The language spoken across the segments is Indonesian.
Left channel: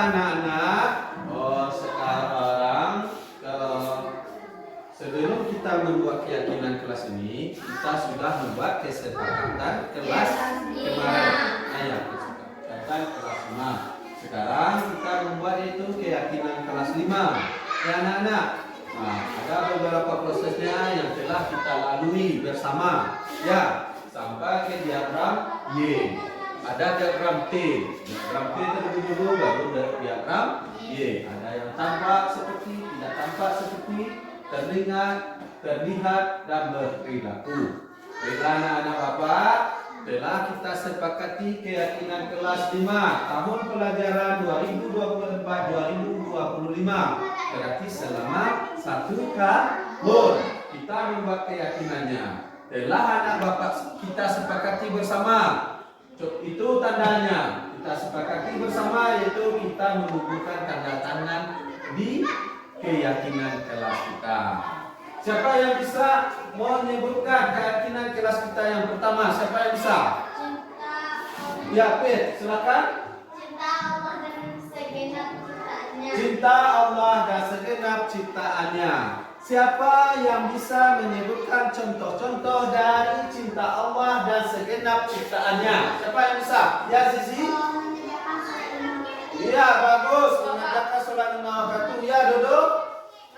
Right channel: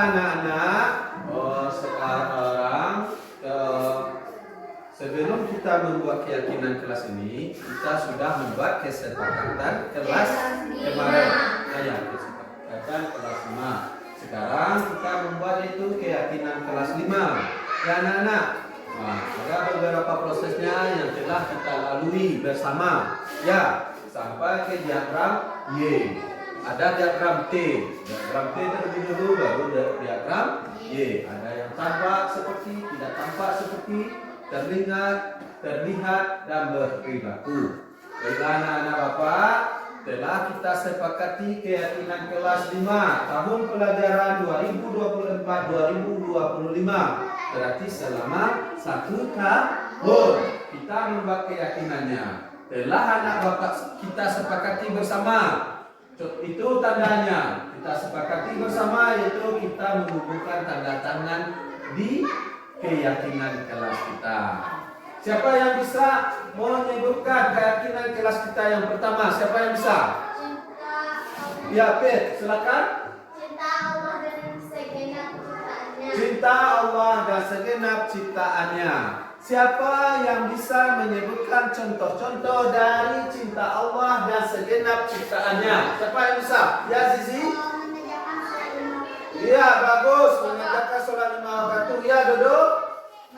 anak-anak, sekarang sebelum kita membuat keyakinan kelas ini, kita sudah membuat kesepakatan kelas kemarin. Kesepakatan kelas 5. Sekarang kita membuat itu keyakinan kelas 5. Ya anak-anak, ada beberapa prosesnya yang telah kita lalui bersama. Ya, sampai ke diagram Y. Ada diagram T. Diagram T terlebih dulu, baru diagram Y. Ada yang tampak seperti, tidak tampak seperti, terlihat dan berperilaku. Baiklah anak-anak Bapak, telah kita sepakati keyakinan kelas 5 tahun pelajaran 2024-2025. Berarti selama 1 tahun kita membuat keyakinannya. Telah anak Bapak kita sepakati bersama. Itu tandanya. Kita sepakati bersama, yaitu kita mengumpulkan tanda tangan di keyakinan kelas kita. Siapa yang bisa menyebutkan keyakinan kelas kita yang pertama? Siapa yang bisa? Ya, Pet, silakan. Cinta Allah dan segenap ciptaannya. Cinta Allah dan segenap ciptaannya. Siapa yang bisa menyebutkan contoh-contoh dari cinta Allah dan segenap ciptaannya? Siapa yang bisa? Ya, Zizi. Mengerjakan sholat 5 waktu. Iya, bagus. Mengerjakan sholat 5 waktu. Ya, duduk.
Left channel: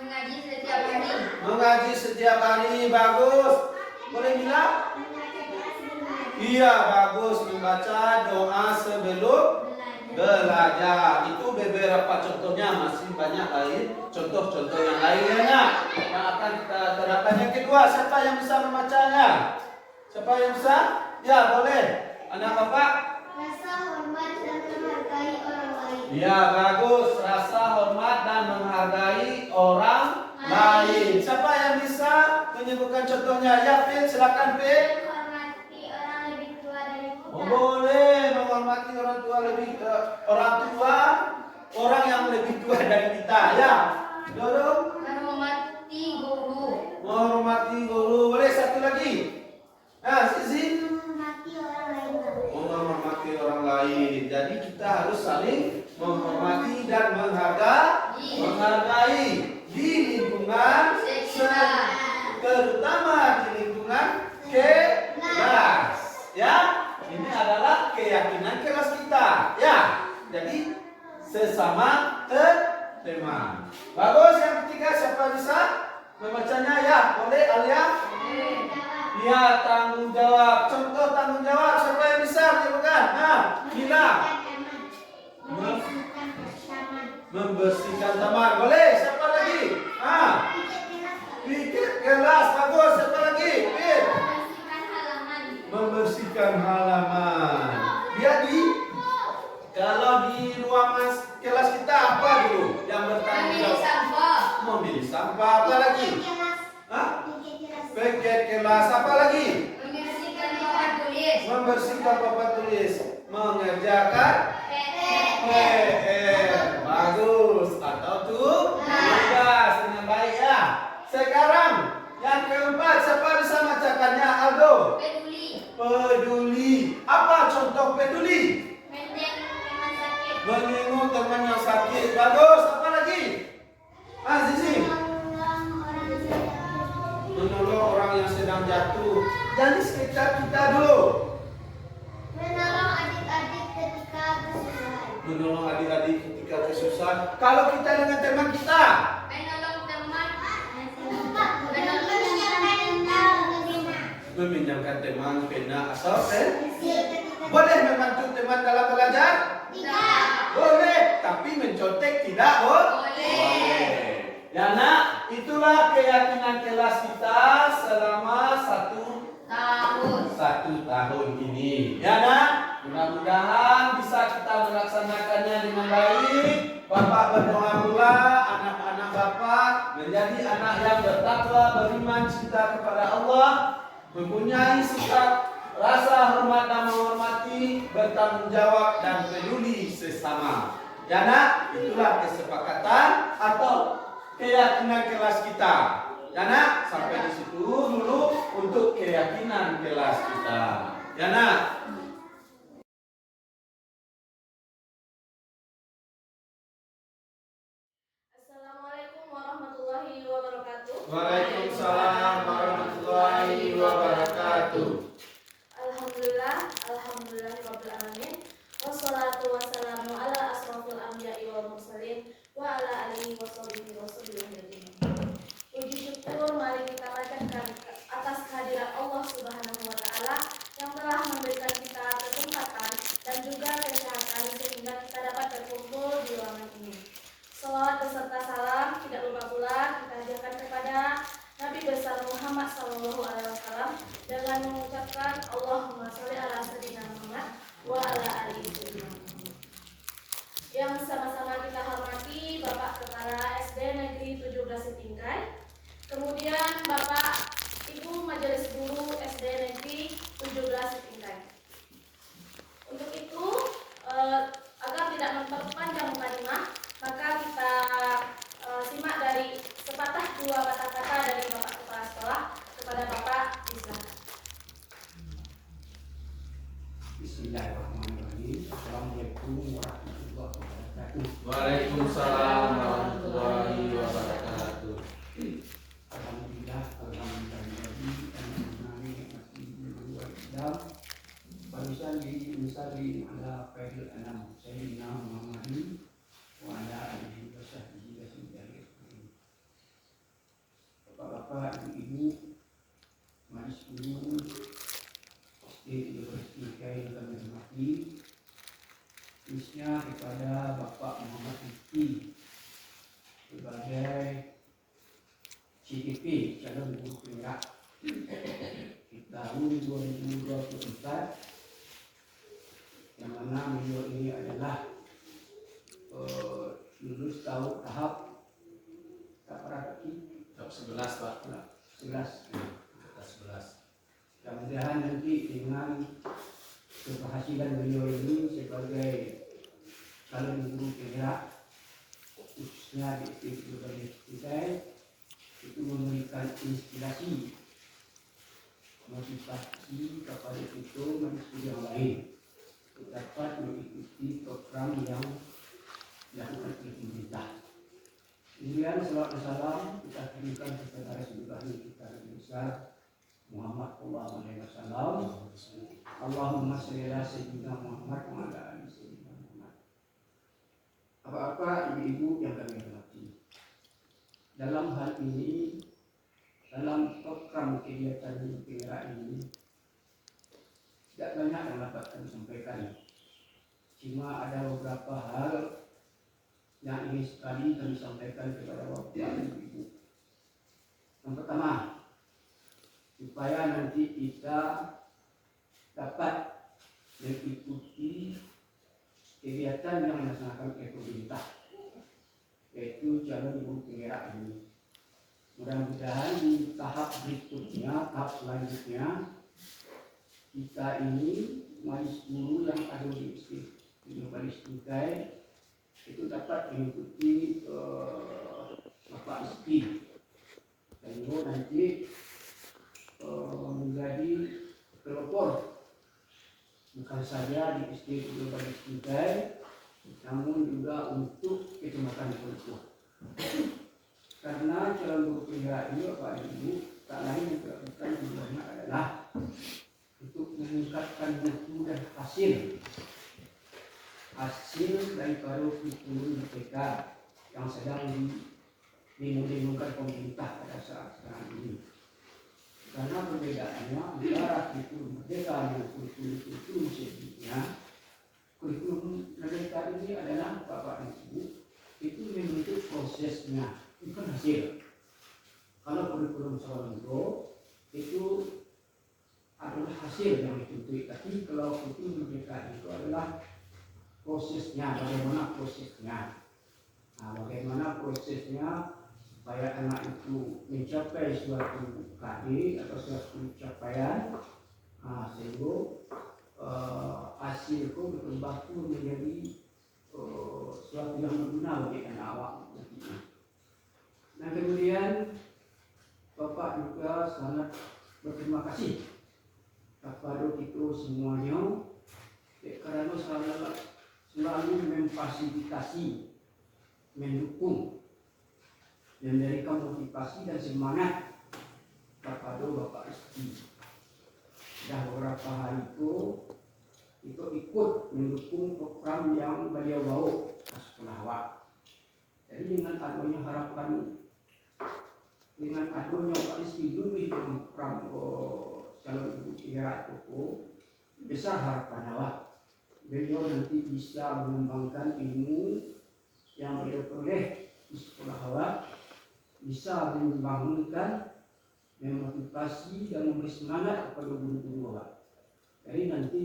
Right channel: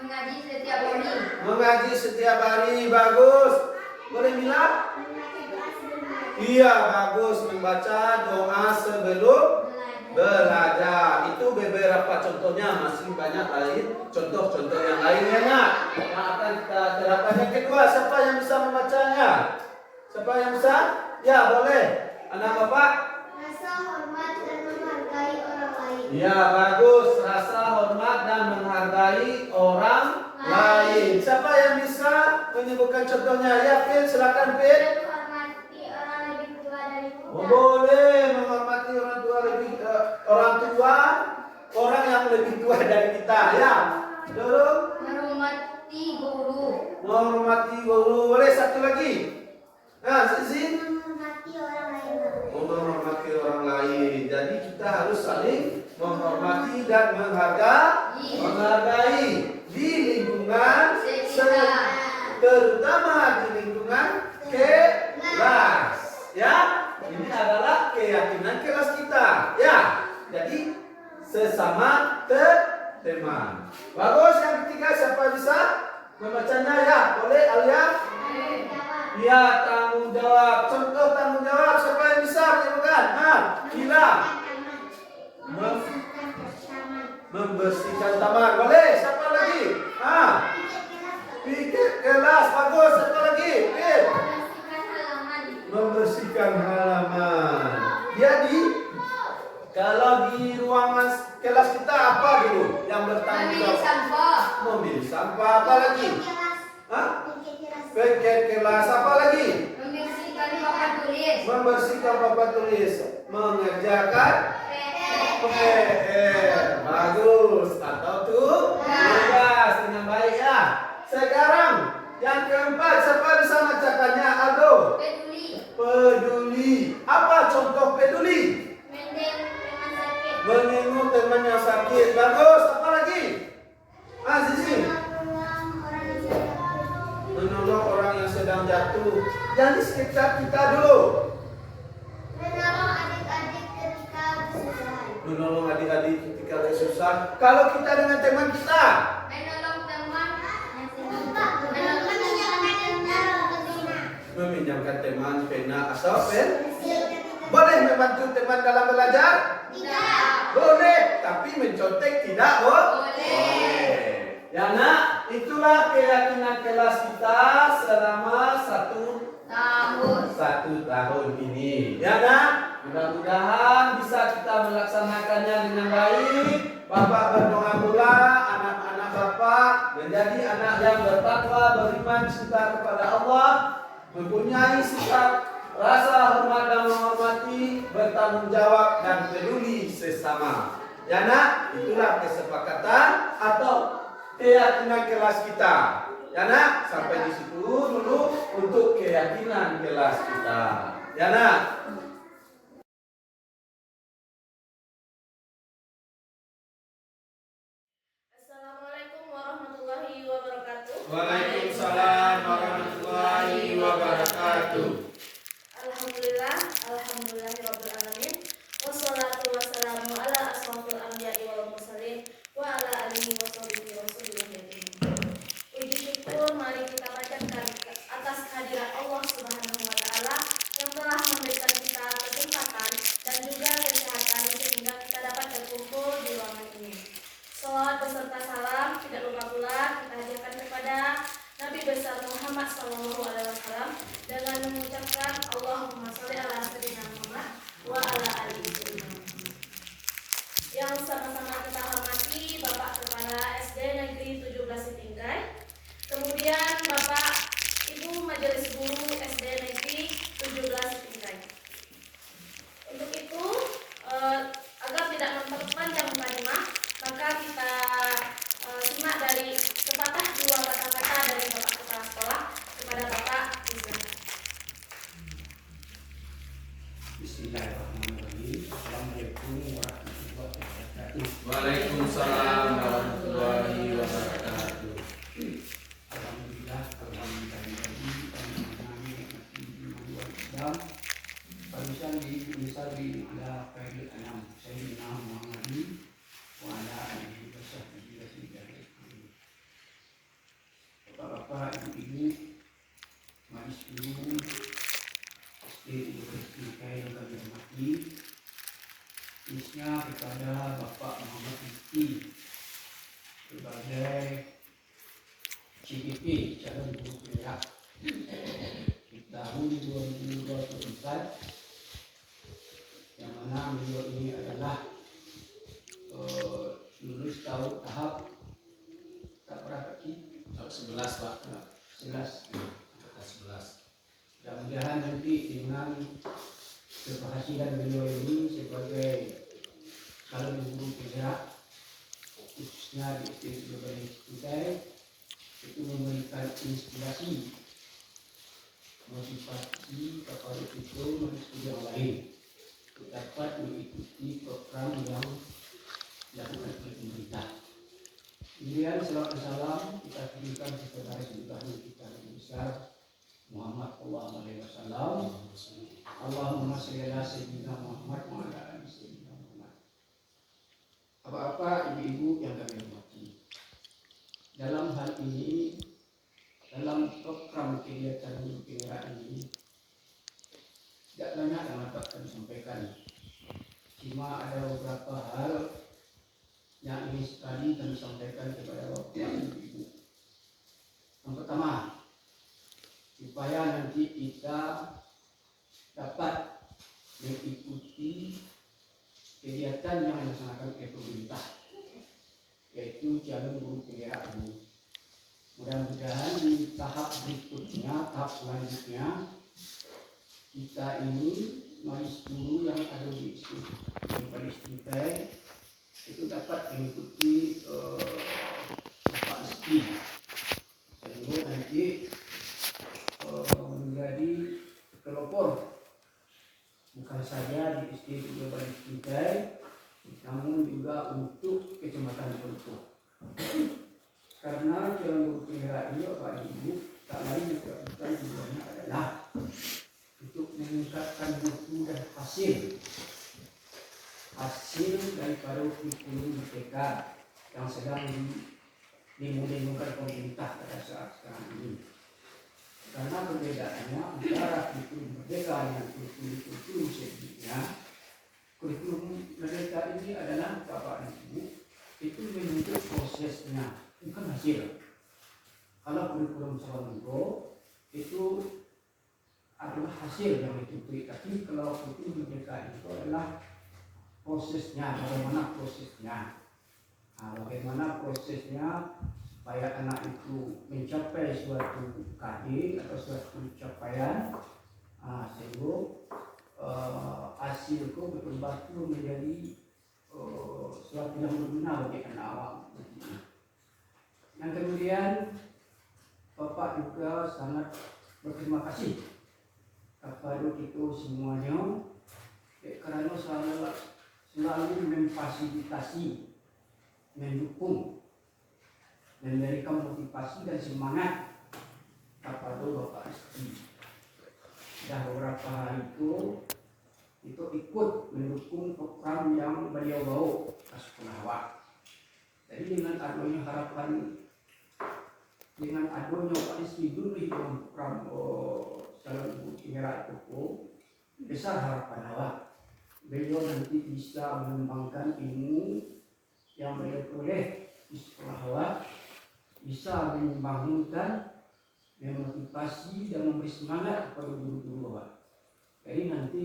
Mengaji setiap hari. Mengaji setiap hari, bagus. Boleh bilang? Iya, bagus. Membaca doa sebelum belajar. Itu beberapa contohnya, masih banyak lain contoh-contoh yang lainnya. Yang akan kita terapkan. Yang kedua, siapa yang bisa membacanya? Siapa yang bisa? Ya, boleh. Anak Bapak? Rasa hormat dan menghargai orang lain. Ya, bagus. Rasa hormat dan menghargai orang lain. Siapa yang bisa menyebutkan contohnya? Ya, Pin, silakan Pin. Menghormati orang lebih tua dariku. Oh, boleh menghormati orang tua orang yang lebih tua dari kita. Ya, dorong. Menghormati guru. Menghormati guru. Boleh satu lagi. Nah, Zizi. Menghormati orang lain. Menghormati orang lain. Jadi kita harus saling menghormati dan menghargai di lingkungan terutama di lingkungan kelas. Ya, ini adalah keyakinan kelas kita. Ya, jadi sesama teman. Bagus. Yang ketiga, siapa bisa membacanya? Ya, boleh Alia. Ya, tanggung jawab. Contoh tanggung jawab. Siapa yang bisa menyebutkan? Kira. Membersihkan taman. Boleh. Siapa lagi? Pikir kelas. Bagus. Siapa lagi? Pin. Membersihkan halaman. Jadi kalau di ruang kelas kita apa dulu yang bertanggung jawab? Memilih sampah. Apa lagi? Paket kelas. Apa lagi? Membersihkan papan tulis. Membersihkan papan tulis. Mengerjakan PR. Bagus. Atau tugas dengan baik ya. Sekarang yang keempat, siapa bisa bacakannya? Aldo. Peduli. Apa contoh peduli? Teman sakit. Menjenguk teman yang sakit. Bagus. Apa lagi? Zizi. Menolong orang yang sedang jatuh. Jadi sekitar kita dulu. Menolong adik-adik ketika kesusahan. Menolong adik-adik ketika kesusahan. Kalau kita dengan teman kita. Menolong teman. Menolong Meminjamkan teman pena atau pen. Boleh membantu teman dalam belajar? Tidak. Boleh. Tapi mencontek tidak boleh. Ya nak, itulah keyakinan kelas kita selama 1 tahun ini. Ya nak, mudah-mudahan bisa kita melaksanakannya dengan baik. Bapak berdoa pula anak-anak Bapak menjadi anak yang bertakwa, beriman, cinta kepada Allah, mempunyai sikap rasa hormat dan menghormati, bertanggung jawab dan peduli sesama. Ya nak, itulah kesepakatan atau keyakinan kelas kita. Ya nak, sampai di situ dulu untuk keyakinan kelas kita. Ya nak. Waalaikumsalam warahmatullahi wabarakatuh. Alhamdulillah, alhamdulillahirabbil alamin. Wassalatu wassalamu ala asrofil anbiya'i wal mursalin wa ala alihi washabihi wasallam. Puji syukur mari kita panjatkan atas kehadiran Allah Subhanahu wa taala yang telah memberikan kita kesempatan dan juga kesehatan sehingga kita dapat berkumpul di ruangan ini. Salawat beserta salam tidak lupa pula kita haturkan kepada Nabi besar Muhammad SAW dengan mengucapkan Allahumma sholli ala sayyidina Muhammad wa ala alihi wasallam. Yang sama-sama kita hormati Bapak Kepala SD Negeri 17 Sitingkai, kemudian Bapak Ibu Majelis Guru SD Negeri 17 Sitingkai. Untuk itu agar tidak memperpanjang mukadimah, maka kita simak dari sepatah dua kata-kata dari Bapak Kepala Sekolah kepada Bapak Islam. Bismillahirrahmanirrahim. Assalamualaikum warahmatullahi wabarakatuh. Waalaikumsalam warahmatullahi wabarakatuh. Alhamdulillah, Islam. Barusan di ala Khairul Anam Sayyidina Muhammadin wa ala alihi wa sahbihi wa sallam. Bapak-bapak, ibu-ibu, majelis guru yang kami hormati, khususnya kepada Bapak Muhammad Rizki sebagai CGP calon guru penggerak di tahun 2024, yang mana beliau ini adalah lulus tahap berapa sih? Tahap 11 Pak. 11. Tahap 11. Mudah-mudahan nanti dengan keberhasilan beliau ini sebagai calon guru penggerak khususnya di berbagai Kutai itu memberikan inspirasi, motivasi kepada kita manusia yang lain untuk dapat mengikuti program yang dilakukan oleh pemerintah. Kemudian salawat dan salam kita berikan kepada Rasulullah kita Nabi besar Muhammad sallallahu alaihi wasallam. Allahumma shalli ala sayyidina Muhammad wa ala ali sayyidina Muhammad. Apa-apa ibu-ibu yang kami hormati, dalam hal ini, dalam program kegiatan penggerak ini tidak banyak yang dapat kami sampaikan. Cuma ada beberapa hal yang ingin sekali kami sampaikan kepada bapak dan ibu. Yang pertama, supaya nanti kita dapat mengikuti kegiatan yang dilaksanakan oleh pemerintah, yaitu calon guru penggerak ini. Mudah-mudahan di tahap berikutnya, tahap selanjutnya, kita ini majelis guru yang ada di majelis Kutai itu dapat mengikuti Bapak Rizki, sehingga nanti menjadi pelopor bukan saja di SD Majelis Kutai, namun juga untuk kecamatan Pelopor. Karena calon guru penggerak ini Bapak dan Ibu tak lain yang bukan tujuannya adalah untuk meningkatkan mutu dan hasil daripada kurikulum merdeka yang sedang dimulai pemerintah pada saat sekarang ini. Karena perbedaannya antara kurikulum merdeka dengan kurikulum sebelumnya, kurikulum merdeka ini adalah Bapak dan Ibu itu menuntut prosesnya, bukan hasil. Kalau kurikulum Sawalunto itu adalah hasil yang dituntut, tapi kalau kurikulum merdeka itu adalah prosesnya, bagaimana prosesnya. Bagaimana prosesnya supaya anak itu mencapai suatu KD atau suatu capaian, sehingga hasil itu betul-betul menjadi suatu yang berguna bagi anak awak. Dan kemudian Bapak juga sangat berterima kasih kepada kita semuanya kerana selalu memfasilitasi, mendukung memberikan motivasi dan semangat kepada Bapak Rizky. Sudah beberapa hari itu ikut mendukung program yang beliau bawa ke sekolah. Jadi dengan adanya harapan, dengan adanya Pak Rizky dulu dalam program calon ibu tinggal Koko, besar harapan awak. Beliau nanti bisa mengembangkan ilmu yang beliau peroleh di sekolah awak, bisa membangunkan, memotivasi dan memberi semangat kepada guru-guru awak. Jadi nanti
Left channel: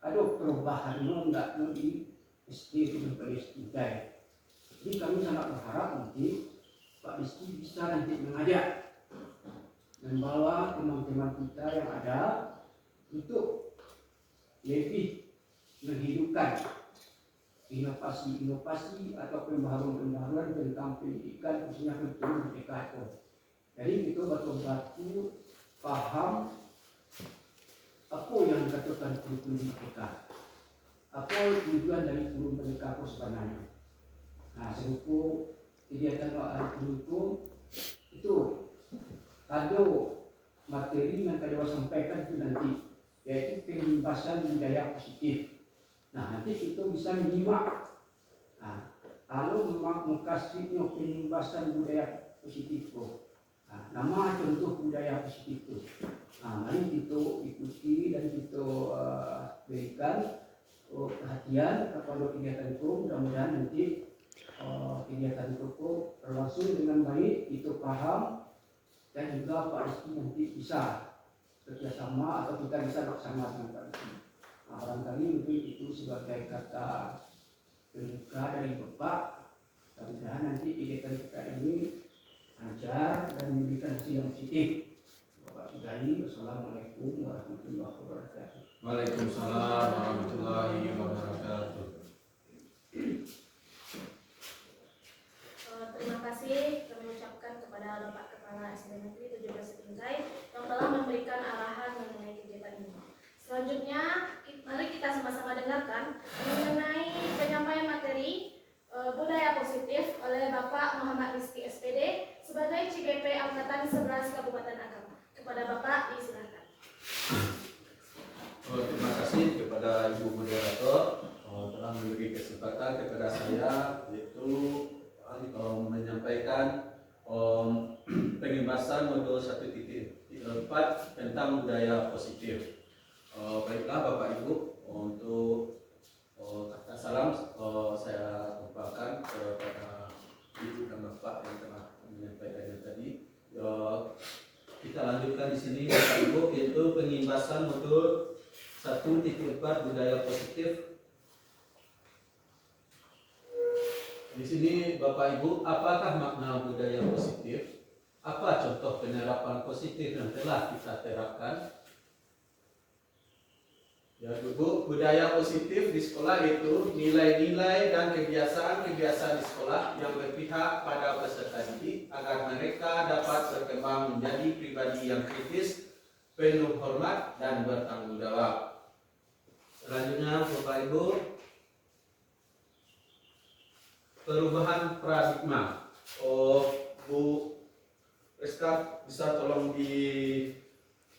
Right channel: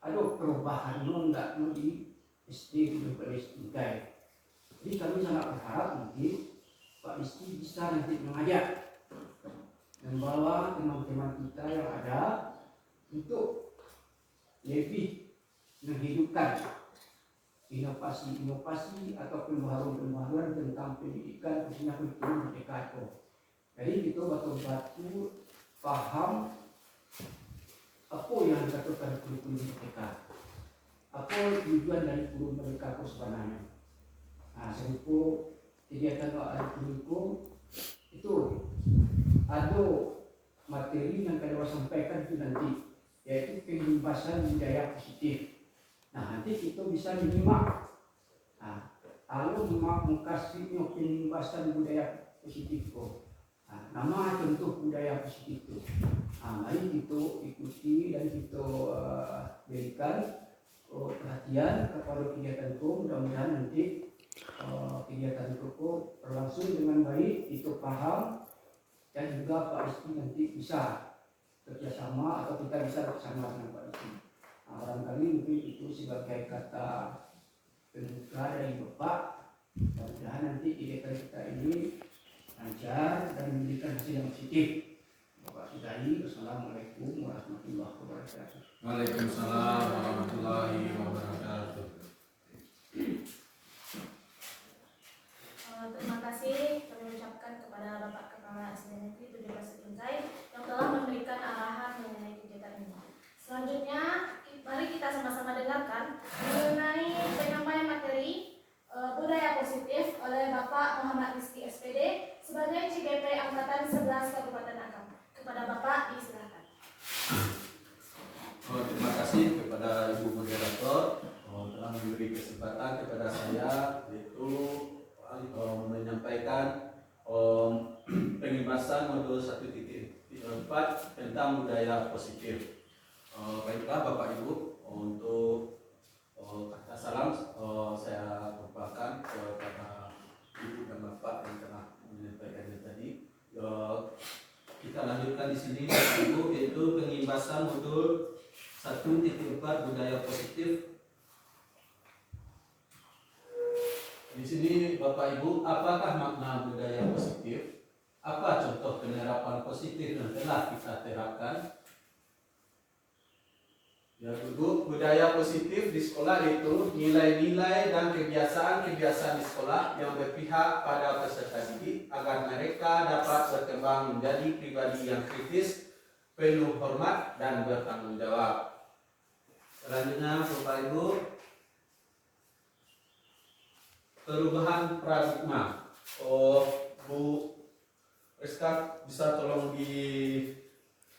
ada perubahan enggak di SD dan SD. Jadi kami sangat berharap nanti Pak Rizky bisa nanti mengajak, membawa teman-teman kita yang ada untuk lebih menghidupkan inovasi-inovasi atau pembaharuan-pembaharuan tentang pendidikan khususnya kurikulum Merdeka itu. Jadi kita betul-betul paham apa yang dikatakan kurikulum Merdeka, apa tujuan dari kurikulum Merdeka itu sebenarnya. Nah, serupa kegiatan kurikulum itu ada materi yang kami sampaikan itu nanti, yaitu pengimbasan budaya positif. Nah, nanti kita bisa menyimak. Nah, kalau memang mengkasihnya pengimbasan budaya positif itu, nah, nama contoh budaya positif itu. Nah, mari kita ikuti dan kita berikan perhatian kepada kegiatan itu. Mudah-mudahan nanti kegiatan itu berlangsung dengan baik, itu paham, dan juga Pak Rizky nanti bisa kerjasama atau kita bisa bersama dengan Pak Rizky. Nah, barangkali mungkin itu sebagai kata pembuka dari Bapak. Mudah-mudahan nanti kegiatan kita ini lancar dan memberikan hasil yang positif. Bapak sudahi. Wassalamualaikum warahmatullahi wabarakatuh. Waalaikumsalam warahmatullahi wabarakatuh. Terima kasih kami ucapkan kepada Bapak Kepala SD Negeri 17 Binjai yang telah memberikan arahan mengenai kegiatan ini. Selanjutnya, mari kita sama-sama dengarkan mengenai penyampaian materi budaya positif oleh Bapak Muhammad Rizky SPD sebagai CGP Angkatan 11 Kabupaten Agam. Kepada Bapak disilakan. Terima kasih kepada Ibu Moderator telah memberi kesempatan kepada saya yaitu menyampaikan pengimbasan modul 1.4 tentang budaya positif. Baiklah Bapak Ibu, untuk kata salam saya ucapkan kepada Ibu dan Bapak yang telah menyampaikannya tadi. Kita lanjutkan di sini Bapak Ibu, yaitu pengimbasan modul 1.4 budaya positif. Di sini Bapak Ibu, apakah makna budaya positif? Apa contoh penerapan positif yang telah kita terapkan? Ya dulu, budaya positif di sekolah itu nilai-nilai dan kebiasaan-kebiasaan di sekolah yang berpihak pada peserta didik agar mereka dapat berkembang menjadi pribadi yang kritis, penuh hormat dan bertanggung jawab. Selanjutnya Bapak Ibu, perubahan paradigma. Bu Rizka bisa tolong di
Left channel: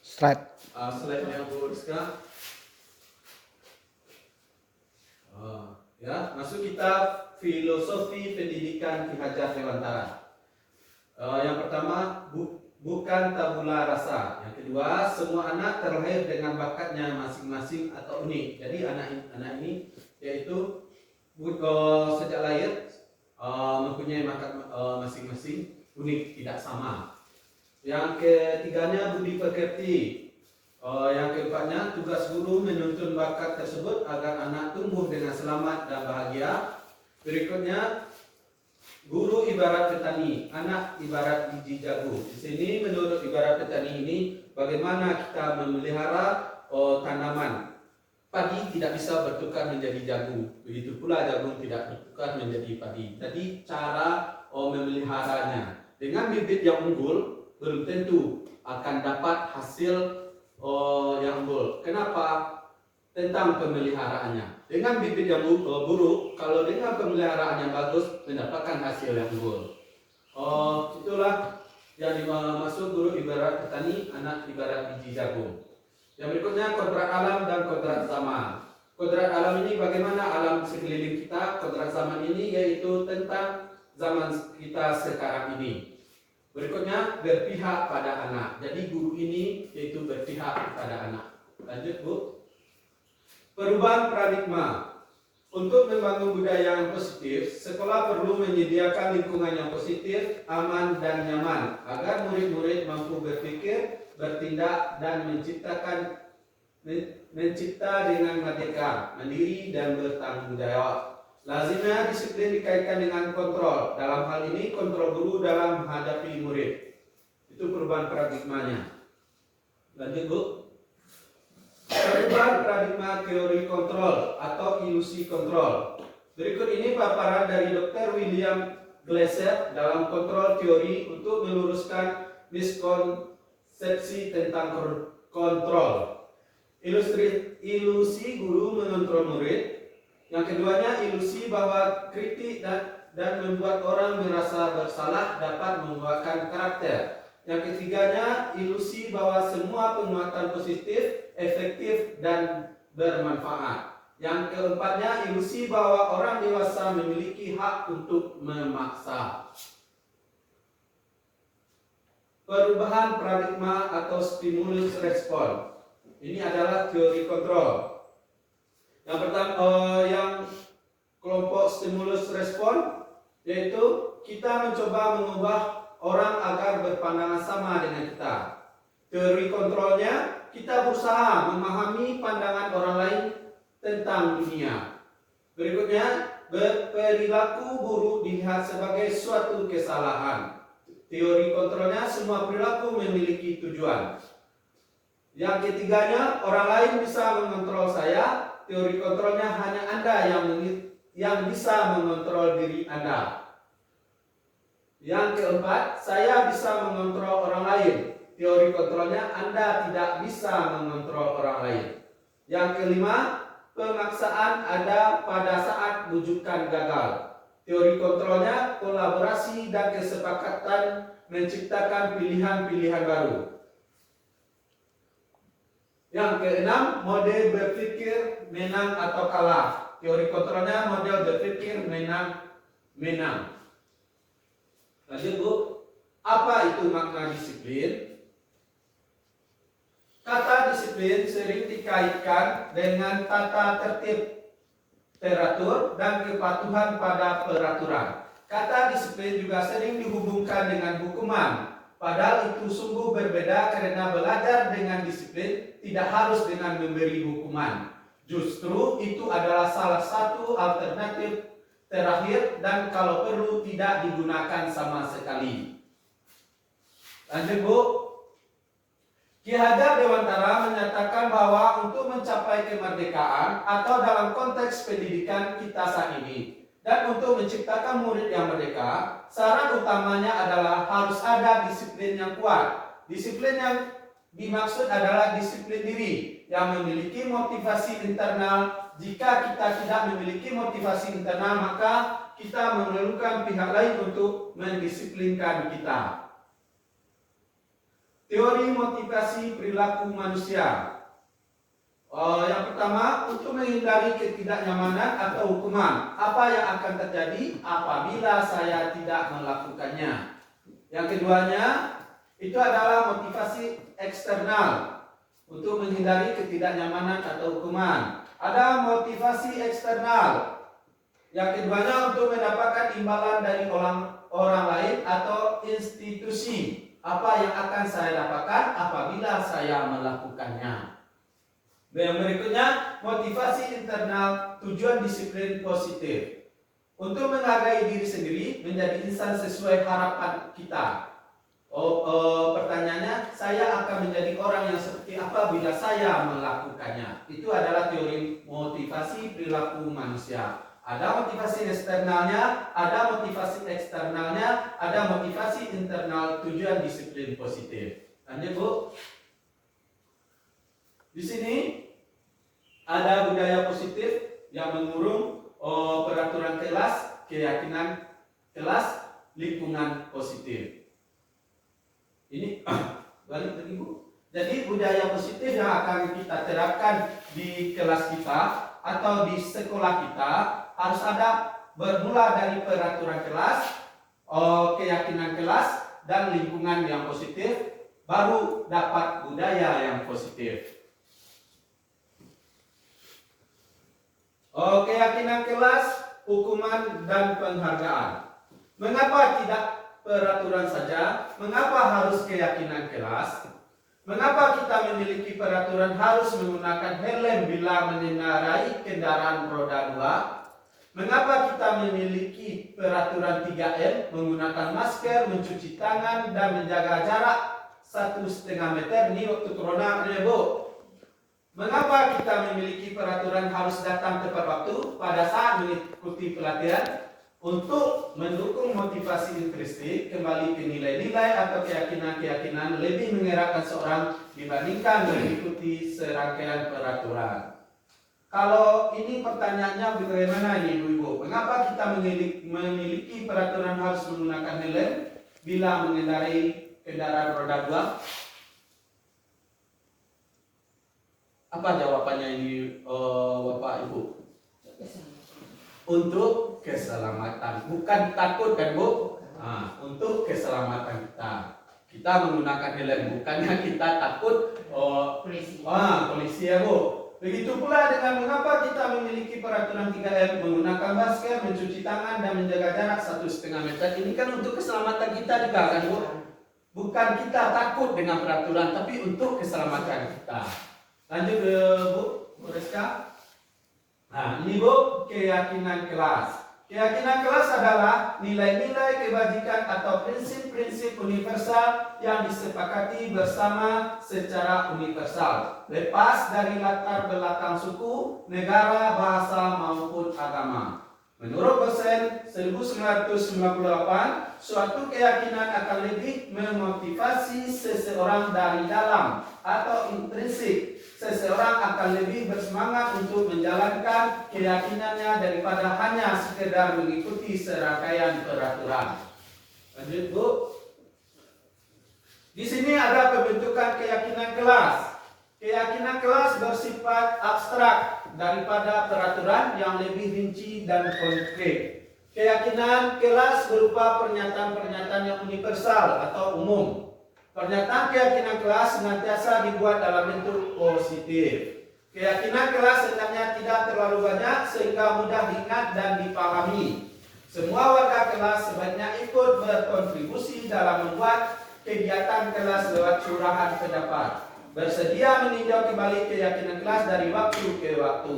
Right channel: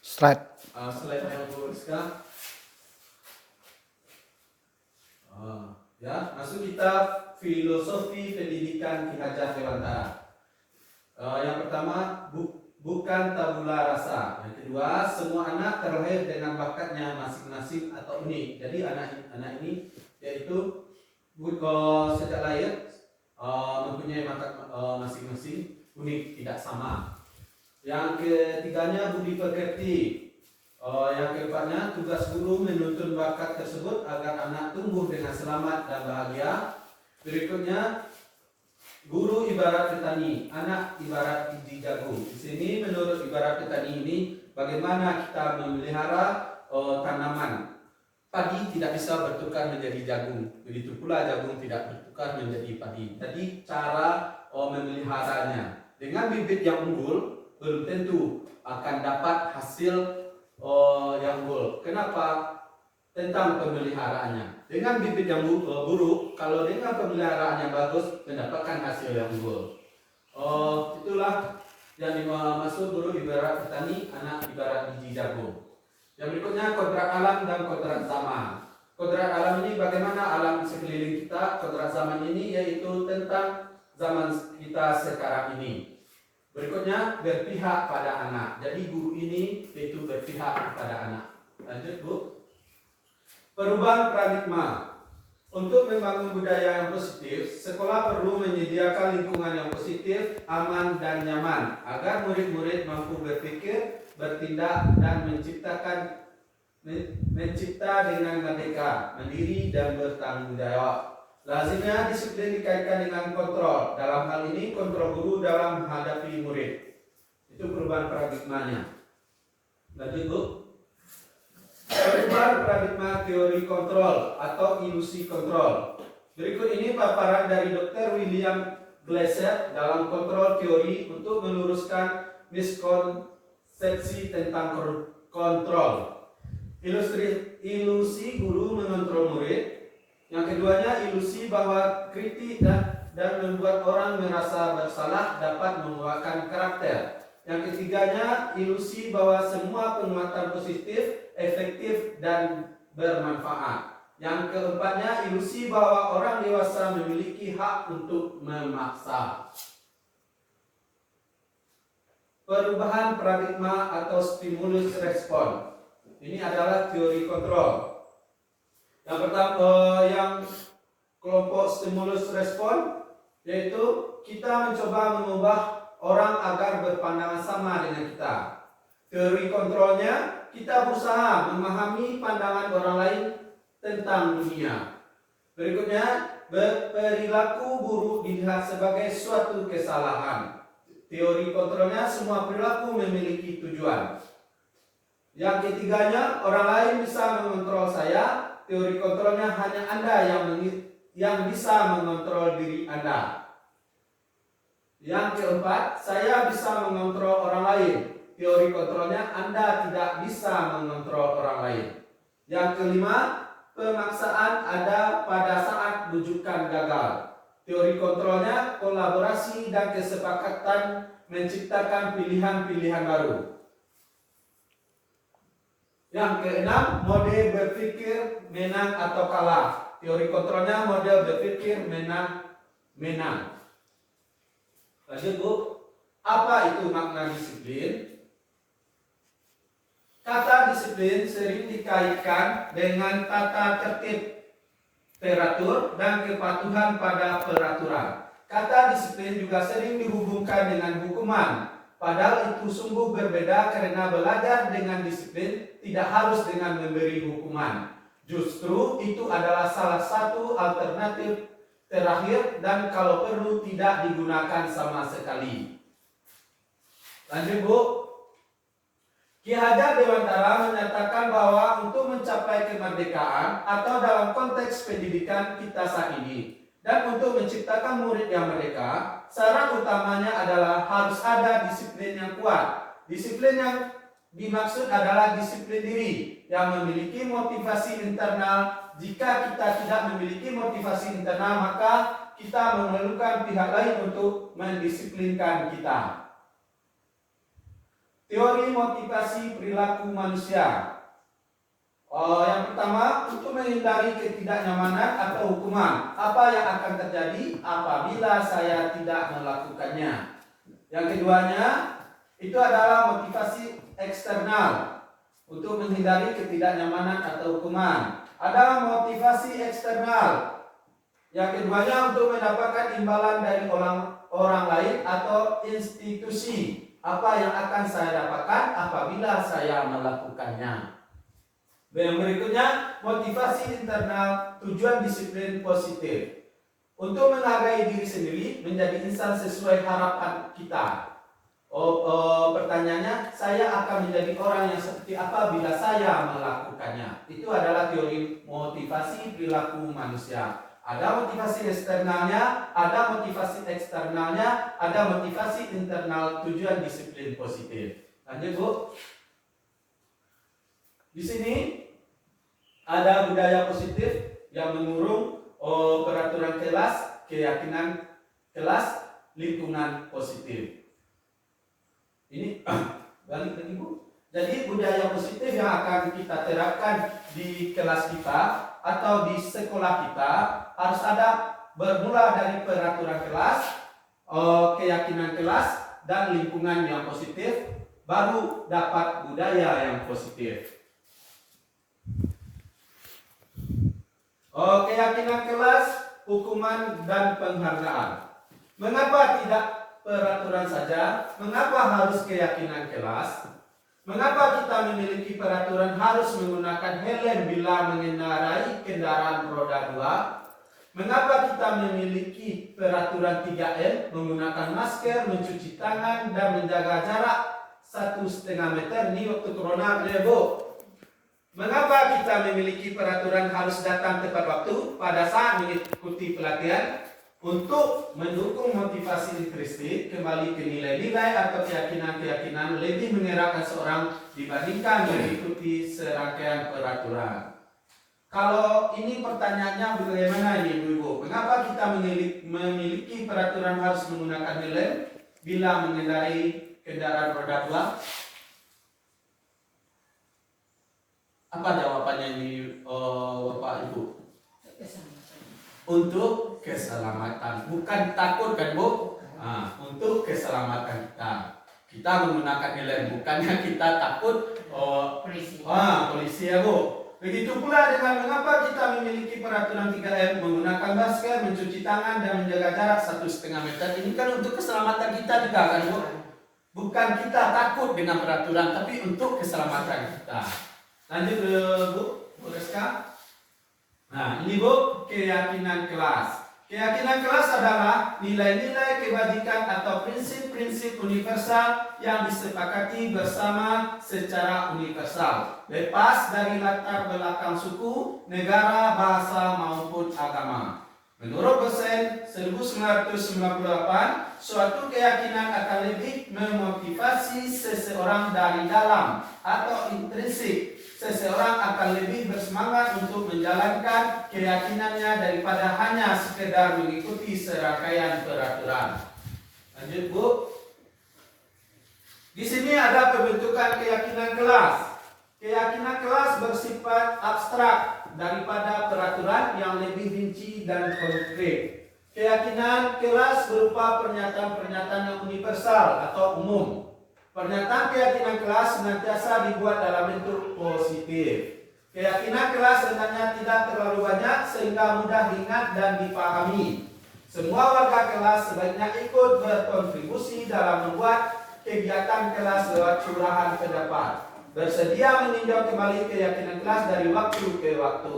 slide-nya Bu Rizka. Ya, masuk kita filosofi pendidikan Ki Hajar Dewantara. Yang pertama, bukan tabula rasa. Yang kedua, semua anak terlahir dengan bakatnya masing-masing atau unik. Jadi anak ini yaitu sejak lahir mempunyai bakat masing-masing, unik, tidak sama. Yang ketiganya, budi pekerti. Yang keempatnya, tugas guru menuntun bakat tersebut agar anak tumbuh dengan selamat dan bahagia. Berikutnya, guru ibarat petani, anak ibarat biji jagung. Di sini menurut ibarat petani ini, bagaimana kita memelihara tanaman. Padi tidak bisa bertukar menjadi jagung, begitu pula jagung tidak bertukar menjadi padi. Jadi cara memeliharanya dengan bibit yang unggul belum tentu akan dapat hasil yang unggul. Kenapa? Tentang pemeliharaannya. Dengan bibit yang buruk, kalau dengan pemeliharaan yang bagus mendapatkan hasil yang unggul. Itulah yang dimaksud guru ibarat petani, anak ibarat biji jagung. Yang berikutnya kodrat alam dan kodrat zaman. Kodrat alam ini bagaimana alam sekeliling kita, kodrat zaman ini yaitu tentang zaman kita sekarang ini. Berikutnya berpihak pada anak. Jadi guru ini yaitu berpihak kepada anak. Lanjut Bu. Perubahan paradigma. Untuk membangun budaya yang positif, sekolah perlu menyediakan lingkungan yang positif, aman dan nyaman agar murid-murid mampu berpikir, bertindak dan mencipta dengan merdeka, mandiri dan bertanggung jawab. Lazimnya disiplin dikaitkan dengan kontrol. Dalam hal ini kontrol guru dalam menghadapi murid. Itu perubahan paradigmanya. Lanjut Bu. Perubahan paradigma teori kontrol atau ilusi kontrol. Berikut ini paparan dari Dr. William Glasser dalam kontrol teori untuk meluruskan miskonsepsi tentang kontrol. Ilusi guru mengontrol murid. Yang keduanya ilusi bahwa kritik dan membuat orang merasa bersalah dapat membuahkan karakter. Yang ketiganya ilusi bahwa semua penguatan positif, efektif dan bermanfaat. Yang keempatnya ilusi bahwa orang dewasa memiliki hak untuk memaksa. Perubahan paradigma atau stimulus respon. Ini adalah teori kontrol. Yang pertama, yang kelompok stimulus respon, yaitu kita mencoba mengubah orang agar berpandangan sama dengan kita. Teori kontrolnya, kita berusaha memahami pandangan orang lain tentang dunia. Berikutnya, perilaku buruk dilihat sebagai suatu kesalahan. Teori kontrolnya, semua perilaku memiliki tujuan. Yang ketiganya, orang lain bisa mengontrol saya. Teori kontrolnya hanya Anda yang bisa mengontrol diri Anda. Yang keempat, saya bisa mengontrol orang lain. Teori kontrolnya Anda tidak bisa mengontrol orang lain. Yang kelima, pemaksaan ada pada saat rujukan gagal. Teori kontrolnya kolaborasi dan kesepakatan menciptakan pilihan-pilihan baru. Yang keenam, model berpikir menang atau kalah. Teori kontrolnya model berpikir menang. Lanjut Bu, apa itu makna disiplin? Kata disiplin sering dikaitkan dengan tata tertib, teratur, dan kepatuhan pada peraturan. Kata disiplin juga sering dihubungkan dengan hukuman. Padahal itu sungguh berbeda karena belajar dengan disiplin tidak harus dengan memberi hukuman. Justru itu adalah salah satu alternatif terakhir dan kalau perlu tidak digunakan sama sekali. Lanjut Bu. Ki Hajar Dewantara menyatakan bahwa untuk mencapai kemerdekaan atau dalam konteks pendidikan kita saat ini dan untuk menciptakan murid yang merdeka, syarat utamanya adalah harus ada disiplin yang kuat. Disiplin yang dimaksud adalah disiplin diri yang memiliki motivasi internal. Jika kita tidak memiliki motivasi internal, maka kita memerlukan pihak lain untuk mendisiplinkan kita. Teori motivasi perilaku manusia. Yang pertama, untuk menghindari ketidaknyamanan atau hukuman. Apa yang akan terjadi apabila saya tidak melakukannya? Yang keduanya, itu adalah motivasi eksternal. Untuk menghindari ketidaknyamanan atau hukuman. Ada motivasi eksternal. Yang keduanya untuk mendapatkan imbalan dari orang lain atau institusi. Apa yang akan saya dapatkan apabila saya melakukannya? Yang berikutnya, motivasi internal, tujuan disiplin positif. Untuk menghargai diri sendiri, menjadi insan sesuai harapan kita. Pertanyaannya, saya akan menjadi orang yang seperti apa bila saya melakukannya? Itu adalah teori motivasi perilaku manusia. Ada motivasi eksternalnya, ada motivasi eksternalnya, ada motivasi internal, tujuan disiplin positif. Lanjut Bu. Di sini ada budaya positif yang mengurung peraturan kelas, keyakinan kelas. lingkungan positif. Ini balik lagi Bu. Jadi budaya positif yang akan kita terapkan di kelas kita atau di sekolah kita harus ada bermula dari peraturan kelas, keyakinan kelas, dan lingkungan yang positif, baru dapat budaya yang positif. Keyakinan kelas, hukuman, dan penghargaan. Mengapa tidak peraturan saja? Mengapa harus keyakinan kelas? Mengapa kita memiliki peraturan harus menggunakan helm bila mengendarai kendaraan roda 2? Mengapa kita memiliki peraturan 3M, menggunakan masker, mencuci tangan, dan menjaga jarak 1,5 meter? Ini waktu corona, Bu. Mengapa kita memiliki peraturan harus datang tepat waktu pada saat mengikuti pelatihan untuk mendukung motivasi intrinsik, kembali ke nilai-nilai atau keyakinan-keyakinan lebih mengerakkan seorang dibandingkan mengikuti serangkaian peraturan? Kalau ini pertanyaannya bagaimana ini Ibu-Ibu? Mengapa kita memiliki peraturan harus menggunakan helm bila mengendarai kendaraan roda 2? Apa jawabannya ini Bapak Ibu? Untuk keselamatan, bukan takut kan Bu? Untuk keselamatan kita. Kita menggunakan helm, bukannya kita takut polisi ya Bu. Begitu pula dengan mengapa kita memiliki peraturan 3M, menggunakan masker, mencuci tangan, dan menjaga jarak 1,5 meter. Ini kan untuk keselamatan kita juga kan Bu? Bukan kita takut dengan peraturan, tapi untuk keselamatan kita. Lanjut Bu Reska. Nah ini Bu, keyakinan kelas. Keyakinan kelas adalah nilai-nilai kebajikan atau prinsip-prinsip universal yang disepakati bersama secara universal, lepas dari latar belakang suku, negara, bahasa maupun agama. Menurut dosen 1998, suatu keyakinan akan lebih memotivasi seseorang dari dalam atau intrinsik. Seseorang akan lebih bersemangat untuk menjalankan keyakinannya daripada hanya sekedar mengikuti serangkaian peraturan. Lanjut Bu. Di sini ada pembentukan keyakinan kelas. Keyakinan kelas bersifat abstrak daripada peraturan yang lebih rinci dan konkret. Keyakinan kelas berupa pernyataan-pernyataan yang universal atau umum. Pernyataan keyakinan kelas senantiasa dibuat dalam bentuk positif. Keyakinan kelas hendaknya tidak terlalu banyak sehingga mudah diingat dan dipahami. Semua warga kelas sebaiknya ikut berkontribusi dalam membuat kegiatan kelas lewat curahan pendapat. Bersedia meninjau kembali keyakinan kelas dari waktu ke waktu.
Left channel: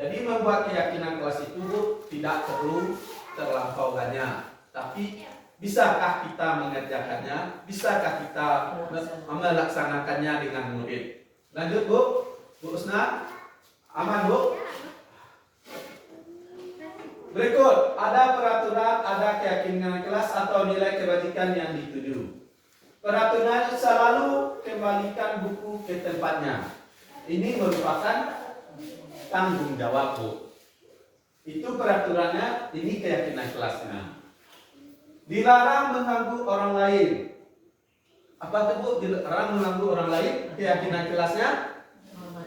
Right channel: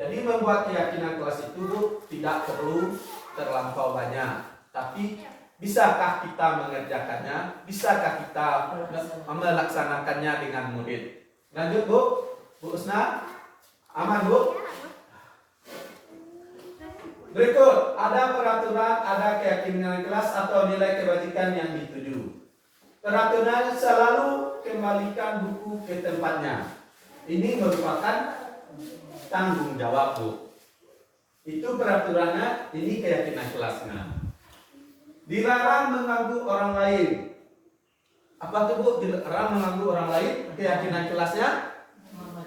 Jadi membuat keyakinan kelas itu tidak perlu terlampau banyak, tapi bisakah kita mengerjakannya? Bisakah kita melaksanakannya dengan murid? Lanjut Bu, Bu Usna, aman Bu? Berikut, ada peraturan, ada keyakinan kelas atau nilai kebajikan yang dituju. Peraturan selalu kembalikan buku ke tempatnya. Ini merupakan tanggung jawab Bu. Itu peraturannya, ini keyakinan kelasnya. Dilarang mengganggu orang lain. Apa itu Bu? Dilarang mengganggu orang lain. Keyakinan kelasnya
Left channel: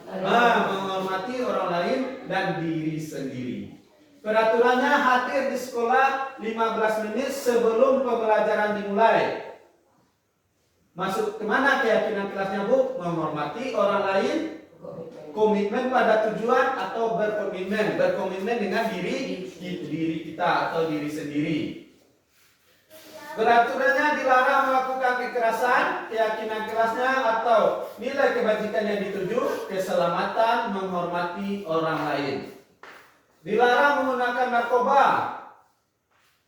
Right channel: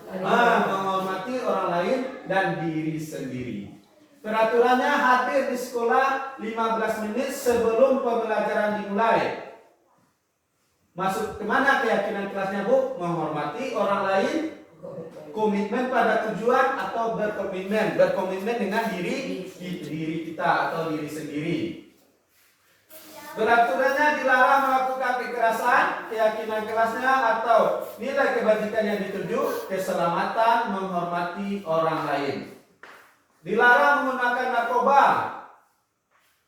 menghormati orang lain dan diri sendiri. Peraturannya hadir di sekolah 15 menit sebelum pembelajaran dimulai. Masuk kemana keyakinan kelasnya Bu? Menghormati orang lain, komitmen pada tujuan atau berkomitmen dengan diri kita atau diri sendiri. Peraturannya dilarang melakukan kekerasan, keyakinan kelasnya atau nilai kebajikan yang dituju, keselamatan, menghormati orang lain. Dilarang menggunakan narkoba.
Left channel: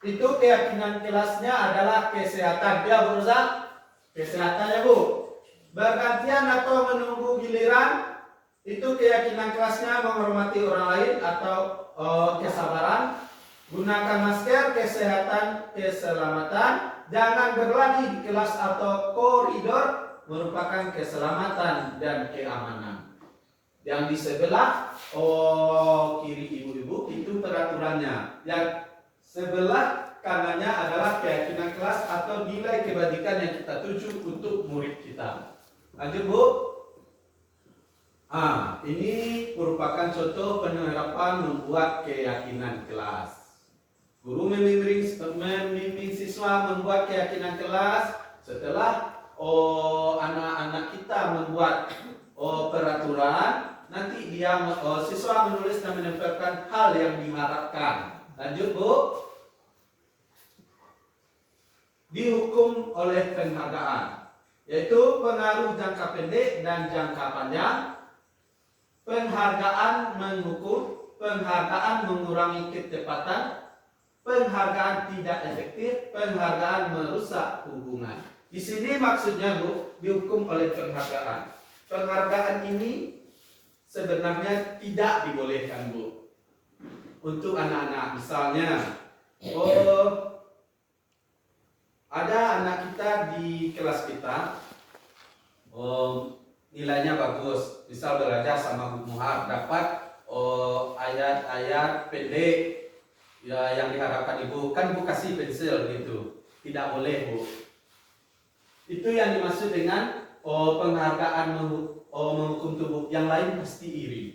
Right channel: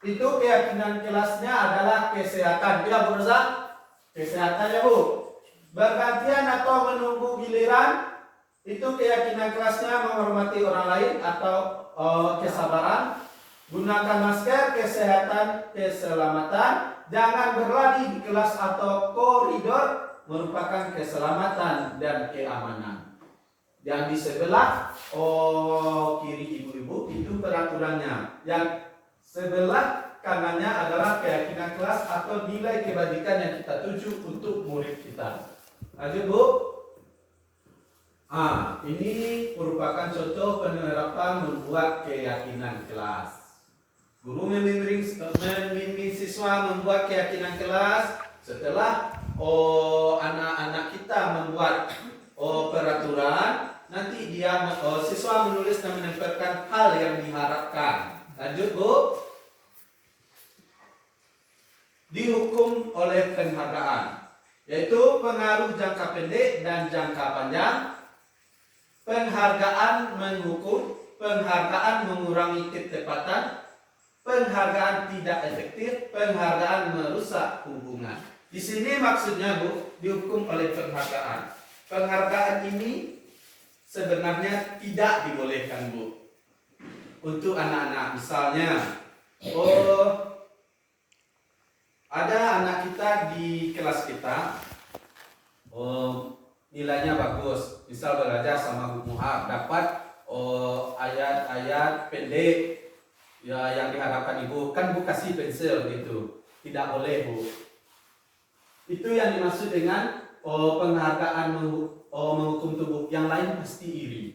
Itu keyakinan kelasnya adalah kesehatan. Ya Bu Rosa? Kesehatannya Bu. Bergantian atau menunggu giliran. Itu keyakinan kelasnya menghormati orang lain atau kesabaran. Gunakan masker, kesehatan, keselamatan. Jangan berlari di kelas atau koridor, merupakan keselamatan dan keamanan. Yang di sebelah kiri ibu-ibu itu peraturannya. Yang sebelah karenanya adalah keyakinan kelas atau nilai kebajikan yang kita tuju untuk murid kita. Lanjut Bu. Ini merupakan contoh penerapan membuat keyakinan kelas. Guru membimbing siswa membuat keyakinan kelas. Setelah anak-anak kita membuat peraturan, nanti siswa menulis dan menempelkan hal yang diharapkan. Lanjut Bu. Dihukum oleh penghargaan, yaitu pengaruh jangka pendek dan jangka panjang. Penghargaan menghukum, penghargaan mengurangi ketepatan, penghargaan tidak efektif, penghargaan merusak hubungan. Di sini maksudnya Bu, dihukum oleh penghargaan. Penghargaan ini sebenarnya tidak dibolehkan Bu untuk anak-anak. Misalnya, ada anak kita di kelas kita, nilainya bagus, misal belajar sama Bu Muhar, dapat ayat-ayat pendek ya yang diharapkan Ibu, kan Bu kasih pensil gitu, tidak boleh Bu. Itu yang dimaksud dengan penghargaan menghukum tubuh. Yang lain pasti iri.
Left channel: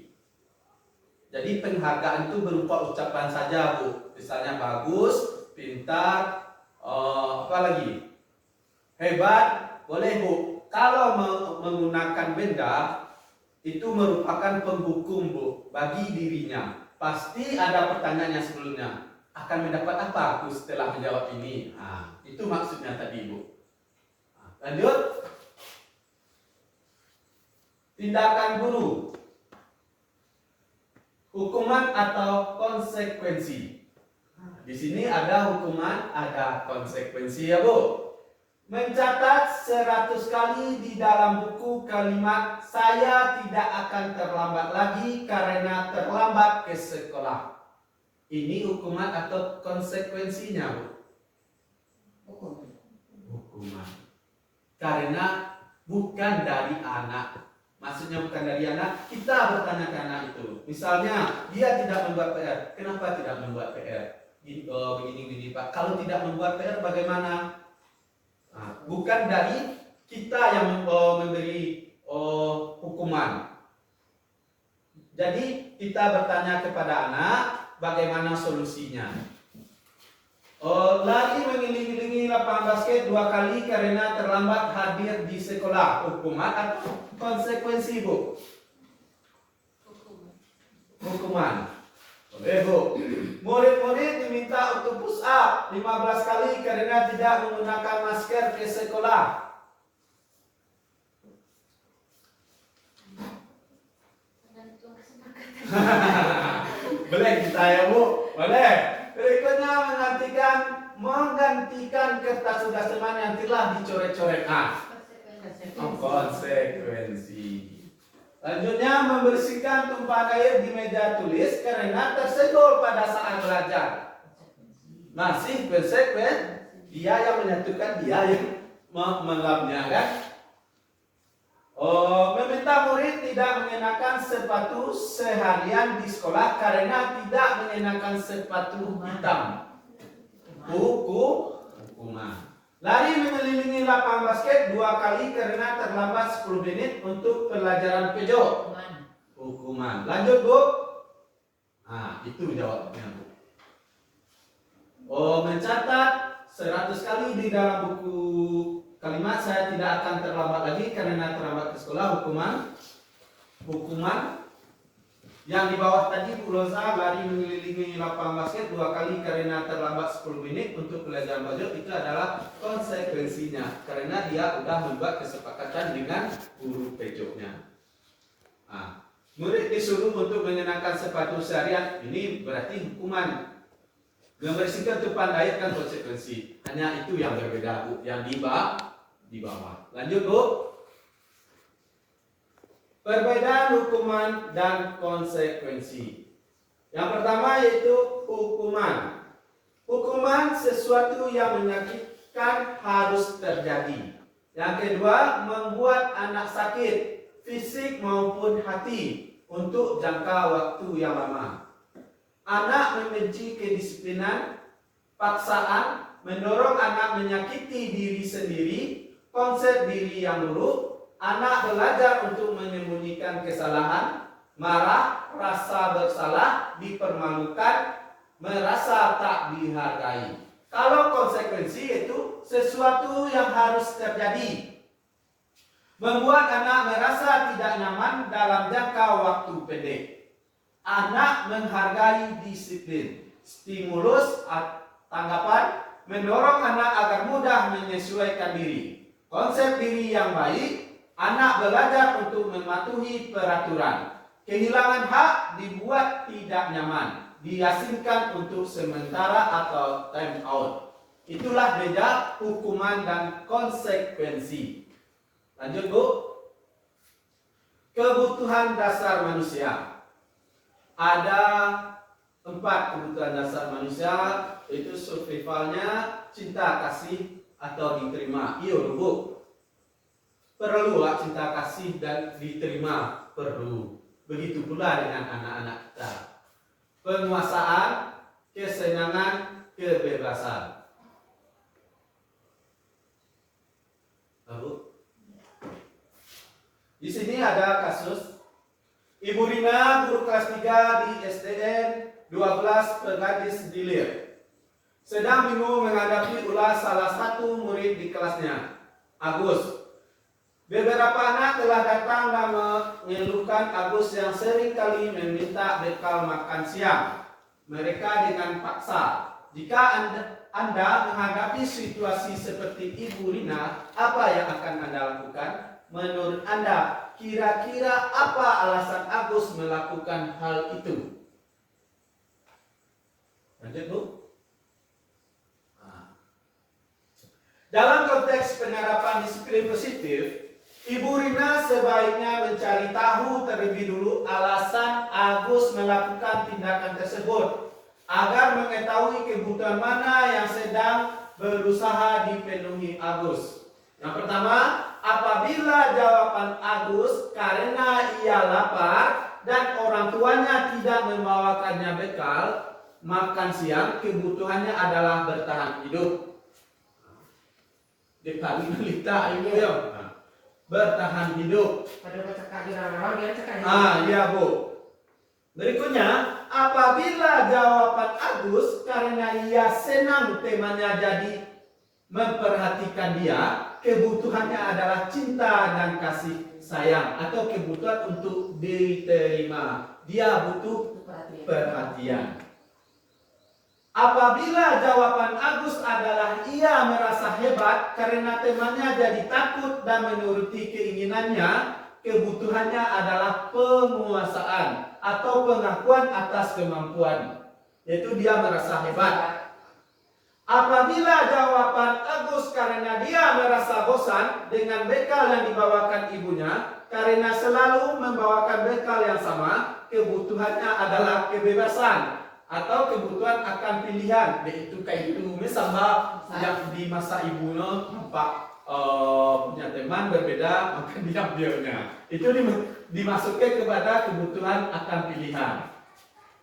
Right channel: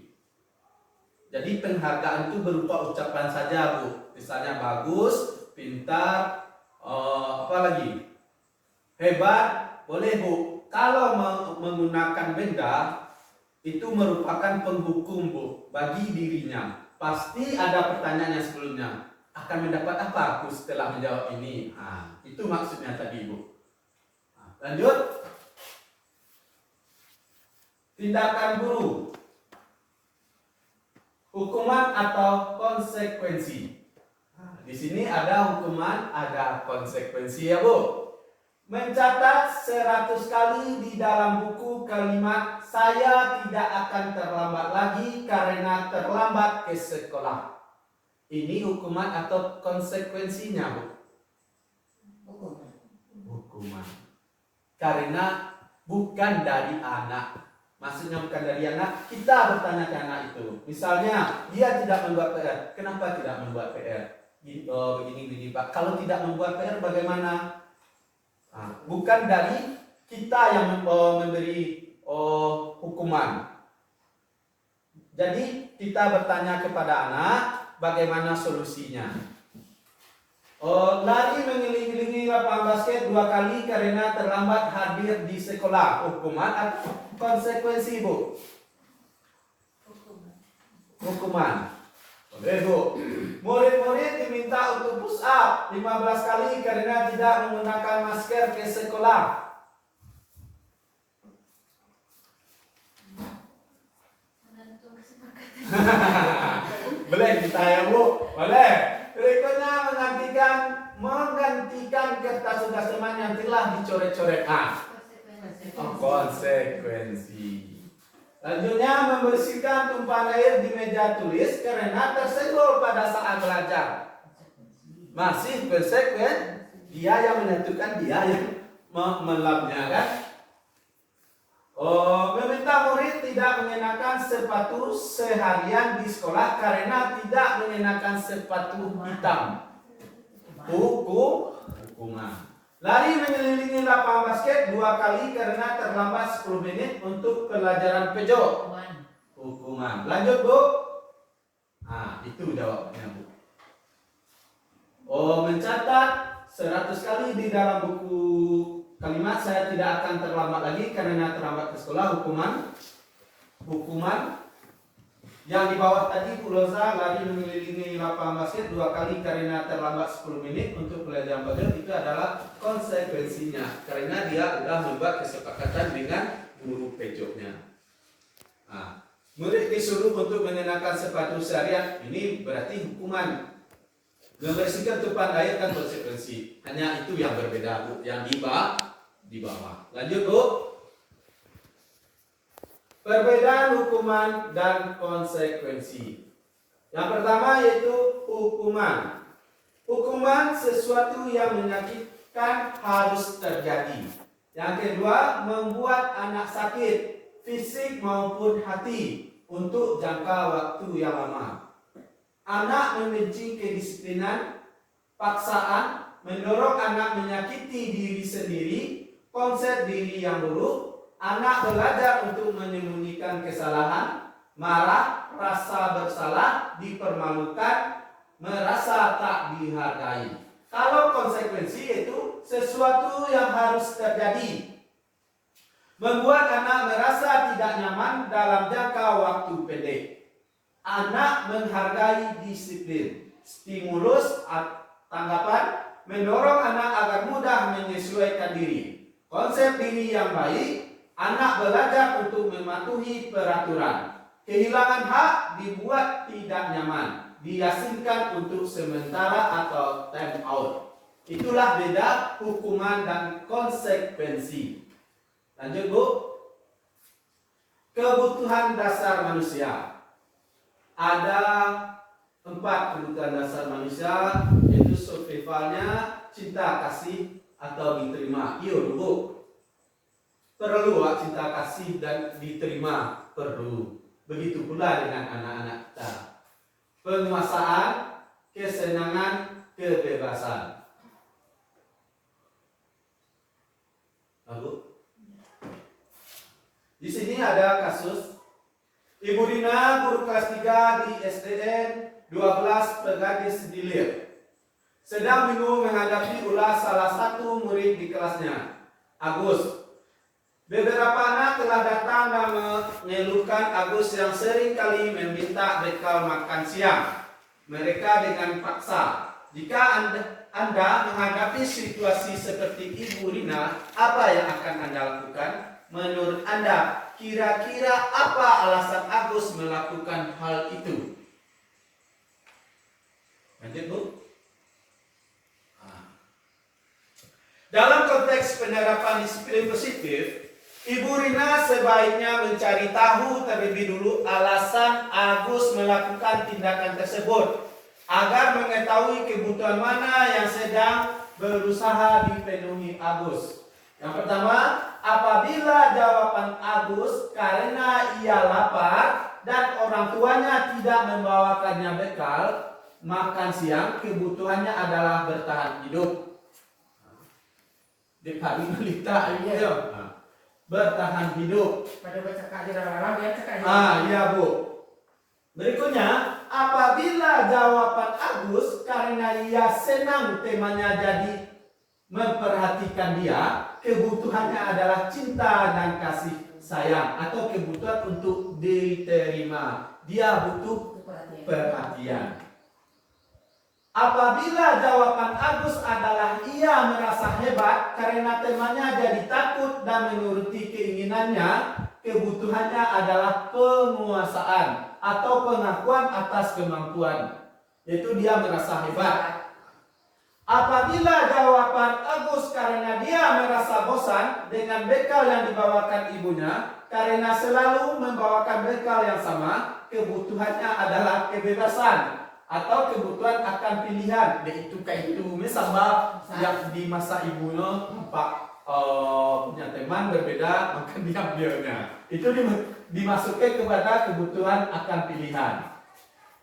Jadi penghargaan itu berupa ucapan saja Bu, misalnya bagus, pintar, apa lagi, hebat, boleh Bu. Kalau menggunakan benda itu merupakan penghukum Bu bagi dirinya. Pasti ada pertanyaan yang sebelumnya, akan mendapat apa aku setelah menjawab ini? Itu maksudnya tadi Bu. Lanjut. Tindakan guru, hukuman atau konsekuensi. Di sini ada hukuman, ada konsekuensi ya Bu. Mencatat 100 kali di dalam buku kalimat saya tidak akan terlambat lagi karena terlambat ke sekolah. Ini hukuman atau konsekuensinya Bu? Hukuman. Karena bukan dari anak. Maksudnya bukan dari anak, kita bertanya ke anak itu. Misalnya dia tidak membuat PR, kenapa tidak membuat PR? Begini Pak. Kalau tidak membuat PR bagaimana? Bukan dari kita yang memberi hukuman. Jadi kita bertanya kepada anak bagaimana solusinya. Lari mengelilingi lapangan basket 2 kali karena terlambat hadir di sekolah. Hukuman atau konsekuensi Bu? Hukuman. Oke Bu. Murid-murid diminta untuk push up 15 kali karena tidak menggunakan masker ke sekolah. Boleh kita ya Bu? Boleh. Berikutnya menggantikan kertas tugas teman yang telah dicoret-coret. Konsekuensi. Selanjutnya membersihkan tumpahan air di meja tulis karena tersenggol pada saat belajar. Masih konsekuen, dia yang menyatukan, dia yang melapnya kan. Meminta murid tidak mengenakan sepatu seharian di sekolah karena tidak mengenakan sepatu hitam. Hukuman. Lari mengelilingi lapangan basket 2 kali karena terlambat 10 menit untuk pelajaran pojok. Hukuman. Lanjut Bu. Itu jawabnya Bu. Mencatat 100 kali di dalam buku kalimat saya tidak akan terlambat lagi karena terlambat ke sekolah. Hukuman. Yang di bawah tadi Bu Rosa, lari mengelilingi lapangan basket 2 kali karena terlambat 10 menit untuk pelajaran pojok, itu adalah konsekuensinya karena dia sudah membuat kesepakatan dengan guru pojoknya. Murid disuruh untuk mengenakan sepatu seharian, ini berarti hukuman. Membersihkan tumpahan air kan konsekuensi. Hanya itu yang berbeda Bu, yang di bawah. Lanjut Bu. Perbedaan hukuman dan konsekuensi. Yang pertama yaitu hukuman. Hukuman sesuatu yang menyakitkan harus terjadi. Yang kedua, membuat anak sakit, fisik maupun hati, untuk jangka waktu yang lama. Anak membenci kedisiplinan, paksaan, mendorong anak menyakiti diri sendiri, konsep diri yang buruk, anak belajar untuk menyembunyikan kesalahan, marah, rasa bersalah, dipermalukan, merasa tak dihargai. Kalau konsekuensi itu sesuatu yang harus terjadi, membuat anak merasa tidak nyaman dalam jangka waktu pendek. Anak menghargai disiplin, stimulus, tanggapan, mendorong anak agar mudah menyesuaikan diri. Konsep diri yang baik, anak belajar untuk mematuhi peraturan. Kehilangan hak dibuat tidak nyaman, diasingkan untuk sementara atau time out. Itulah beda hukuman dan konsekuensi. Lanjut Bu. Kebutuhan dasar manusia. Ada 4 kebutuhan dasar manusia, yaitu survivalnya, cinta kasih atau diterima. Iya dulu. Perlu cinta kasih dan diterima, perlu. Begitu pula dengan anak-anak kita. Penguasaan, kesenangan, kebebasan. Bu. Di sini ada kasus Ibu Rina, guru kelas 3 di SDN 12 Pegadis Dilir, sedang bingung menghadapi ulas salah satu murid di kelasnya, Agus. Beberapa anak telah datang dan mengeluhkan Agus yang sering kali meminta bekal makan siang mereka dengan paksa. Jika Anda menghadapi situasi seperti Ibu Rina, apa yang akan Anda lakukan? Menurut Anda, kira-kira apa alasan Agus melakukan hal itu? Lanjut Bu. Dalam konteks penerapan disiplin positif, Ibu Rina sebaiknya mencari tahu terlebih dulu alasan Agus melakukan tindakan tersebut agar mengetahui kebutuhan mana yang sedang berusaha dipenuhi Agus. Yang pertama, apabila jawaban Agus karena ia lapar dan orang tuanya tidak membawakannya bekal makan siang, kebutuhannya adalah bertahan hidup. Di pagi melita ibu ya, bertahan hidup. Pada baca kajian orang dia cekak. Iya Bu. Berikutnya, apabila jawaban Agus karena ia senang temannya jadi memperhatikan dia, kebutuhannya adalah cinta dan kasih sayang atau kebutuhan untuk diterima. Dia butuh perhatian. Apabila jawaban Agus adalah ia merasa hebat karena temannya jadi takut dan menuruti keinginannya, kebutuhannya adalah penguasaan atau pengakuan atas kemampuan, yaitu dia merasa hebat. Apabila jawaban Agus karena dia merasa bosan dengan bekal yang dibawakan ibunya, karena selalu membawakan bekal yang sama, kebutuhannya adalah kebebasan atau kebutuhan akan pilihan, yaitu kayak itu. Misalnya yang di masa ibunya nampak punya teman berbeda, maka diambilnya. Itu dimasukkan kepada kebutuhan akan pilihan.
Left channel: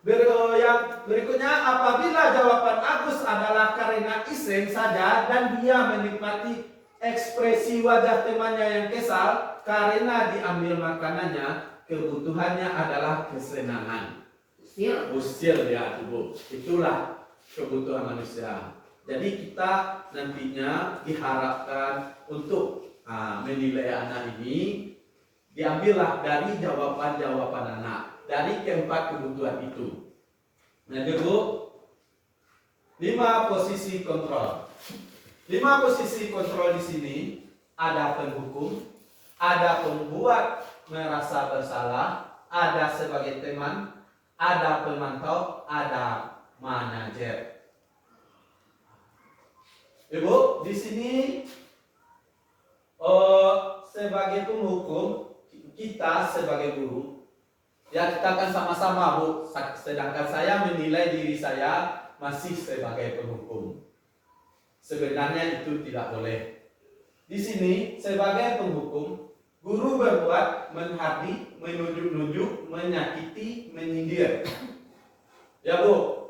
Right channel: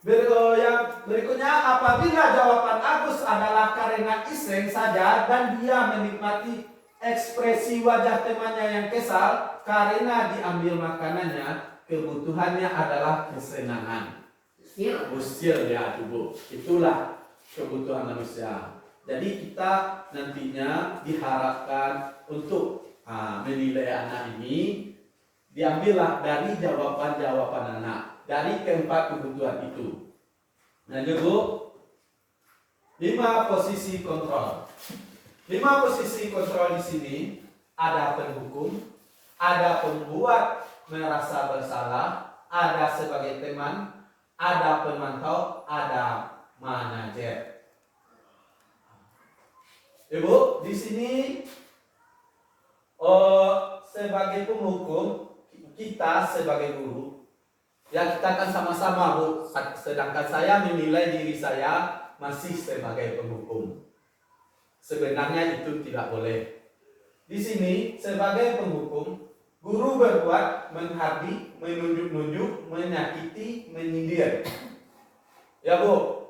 Yang berikutnya, apabila jawaban Agus adalah karena iseng saja dan dia menikmati ekspresi wajah temannya yang kesal karena diambil makanannya, kebutuhannya adalah kesenangan. Usil ya tubuh. Itulah kebutuhan manusia. Jadi kita nantinya diharapkan untuk menilai anak ini diambillah dari jawaban-jawaban anak, dari keempat kebutuhan itu. Lanjut Bu. 5 posisi kontrol. 5 posisi kontrol di sini ada penghukum, ada pembuat merasa bersalah, ada sebagai teman, ada pemantau, ada manajer. Ibu, di sini sebagai penghukum, kita sebagai guru, ya kita akan sama-sama Bu, sedangkan saya menilai diri saya masih sebagai penghukum. Sebenarnya itu tidak boleh. Di sini sebagai penghukum, guru berbuat menghabi, menunjuk-nunjuk, menyakiti, menyindir. Ya Bu,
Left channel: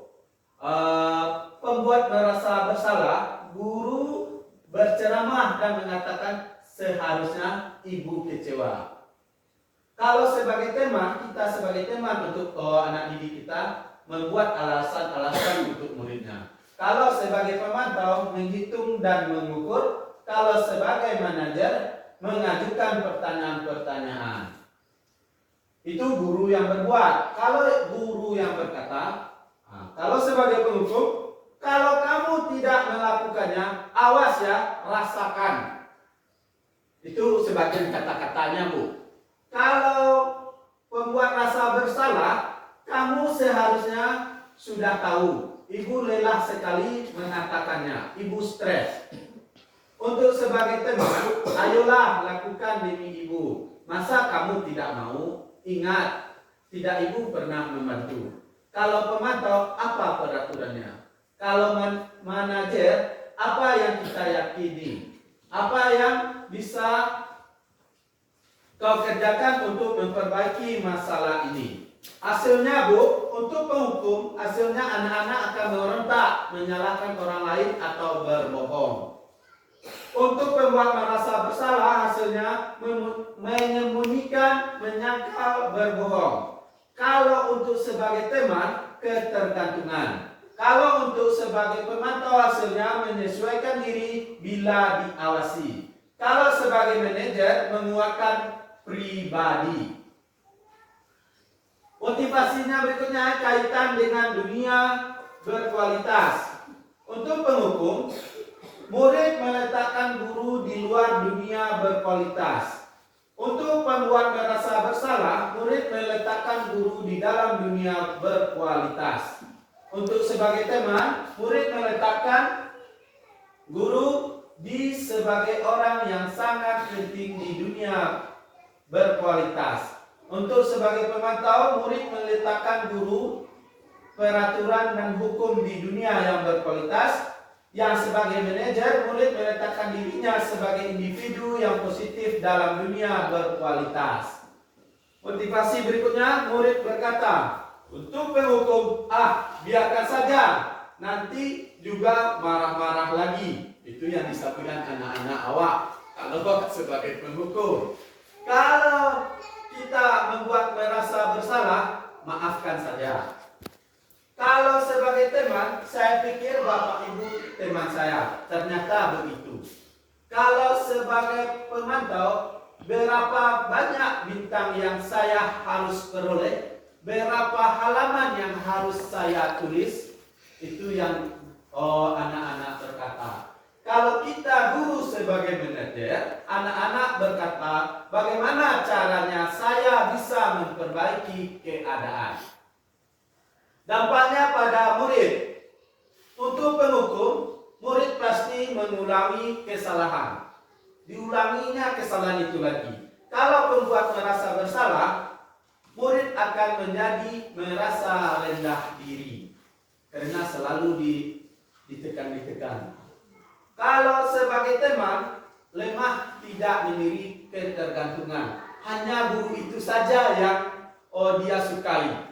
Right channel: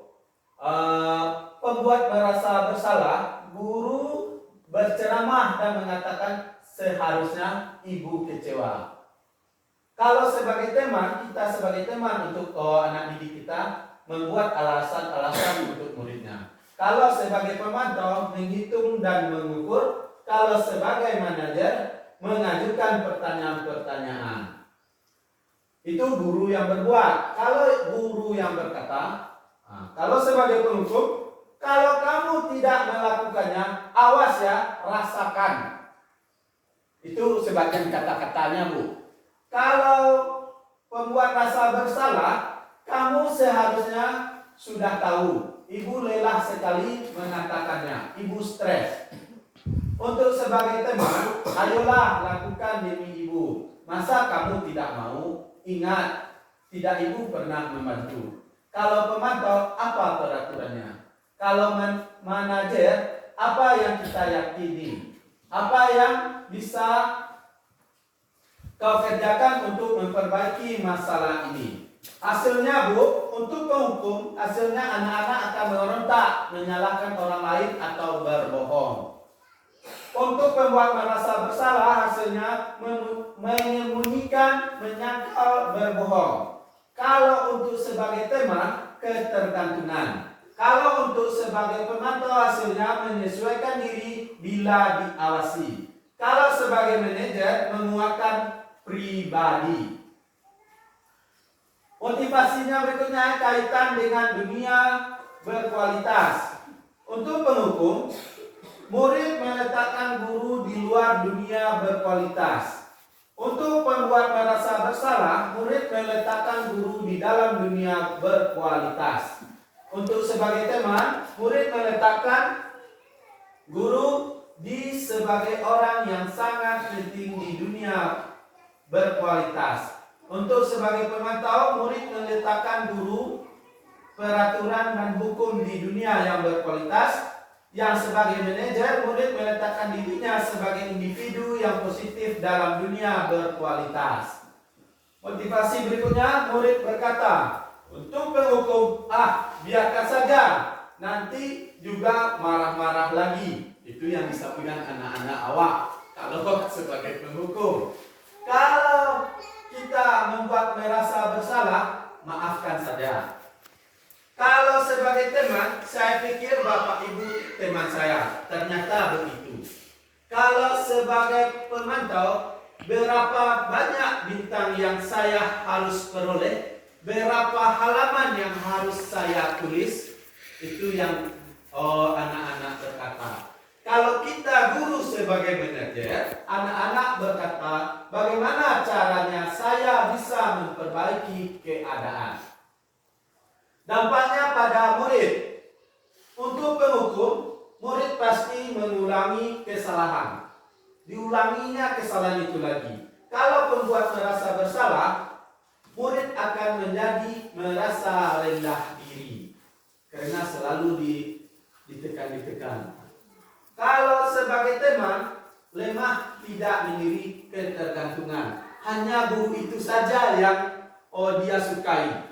pembuat merasa bersalah, guru berceramah dan mengatakan seharusnya ibu kecewa. Kalau sebagai teman, kita sebagai teman untuk anak didik kita membuat alasan-alasan untuk muridnya. Kalau sebagai pemantau, menghitung dan mengukur. Kalau sebagai manajer, mengajukan pertanyaan-pertanyaan. Itu guru yang berbuat. Kalau guru yang berkata, kalau sebagai penghukum, kalau kamu tidak melakukannya, awas ya, rasakan. Itu sebagian kata-katanya, Bu. Kalau pembuat rasa bersalah, kamu seharusnya sudah tahu. Ibu lelah sekali mengatakannya. Ibu stres. Untuk sebagai teman, ayolah lakukan demi ibu. Masa kamu tidak mau? Ingat, tidak ibu pernah membantu. Kalau pemantau, apa peraturannya? Kalau manajer, apa yang kita yakini? Apa yang bisa kau kerjakan untuk memperbaiki masalah ini? Hasilnya, Bu, untuk penghukum, hasilnya anak-anak akan memberontak, menyalahkan orang lain atau berbohong. Untuk pembuat merasa bersalah, hasilnya menyembunyikan, menyangkal, berbohong. Kalau untuk sebagai teman, ketergantungan. Kalau untuk sebagai pemantau, hasilnya menyesuaikan diri bila diawasi. Kalau sebagai manajer, menguatkan pribadi. Motivasinya berikutnya kaitan dengan dunia berkualitas. Untuk penghukum, murid meletakkan guru di luar dunia berkualitas. Untuk pembuat merasa bersalah, murid meletakkan guru di dalam dunia berkualitas. Untuk sebagai teman, murid meletakkan guru di sebagai orang yang sangat penting di dunia berkualitas. Untuk sebagai pemantau, murid meletakkan guru, peraturan dan hukum di dunia yang berkualitas. Yang sebagai manajer, murid meletakkan dirinya sebagai individu yang positif dalam dunia berkualitas. Motivasi berikutnya, murid berkata, untuk penghukum, biarkan saja, nanti juga marah-marah lagi. Itu yang disampaikan anak-anak awak. Kalau sebagai penghukum, kalau kita membuat merasa bersalah, maafkan saja. Kalau sebagai teman, saya pikir Bapak Ibu teman saya. Ternyata begitu. Kalau sebagai pemantau, berapa banyak bintang yang saya harus peroleh, berapa halaman yang harus saya tulis, itu yang anak-anak berkata. Kalau kita guru sebagai manajer, anak-anak berkata, bagaimana caranya saya bisa memperbaiki keadaan. Dampaknya pada murid. Untuk penghukum, murid pasti mengulangi kesalahan. Diulanginya kesalahan itu lagi. Kalau pembuat merasa bersalah, murid akan menjadi merasa rendah diri. Karena selalu ditekan. Kalau sebagai teman, lemah tidak memiliki ketergantungan. Hanya guru itu saja yang dia sukai.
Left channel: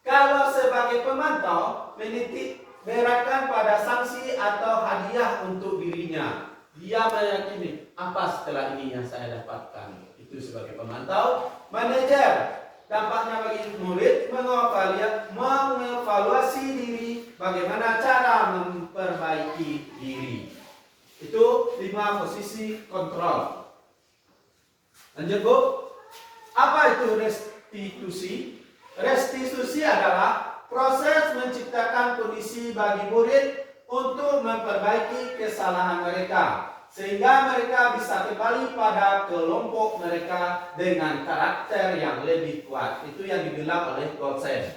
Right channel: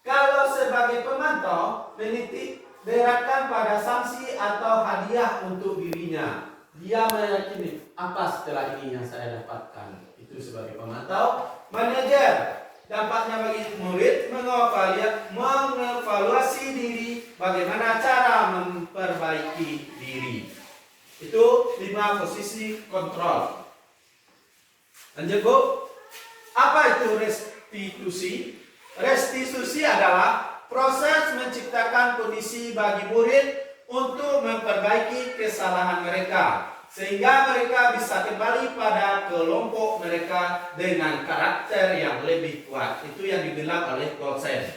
Kalau sebagai pemantau, menitik beratkan pada sanksi atau hadiah untuk dirinya. Dia meyakini, apa setelah ini yang saya dapatkan? Itu sebagai pemantau. Manajer, dampaknya bagi murid mengevaluasi diri, bagaimana cara memperbaiki diri. Itu 5 posisi kontrol. Lanjut, Bu. Apa itu restitusi? Restitusi adalah proses menciptakan kondisi bagi murid untuk memperbaiki kesalahan mereka, sehingga mereka bisa kembali pada kelompok mereka dengan karakter yang lebih kuat. Itu yang dibilang oleh Goldstein.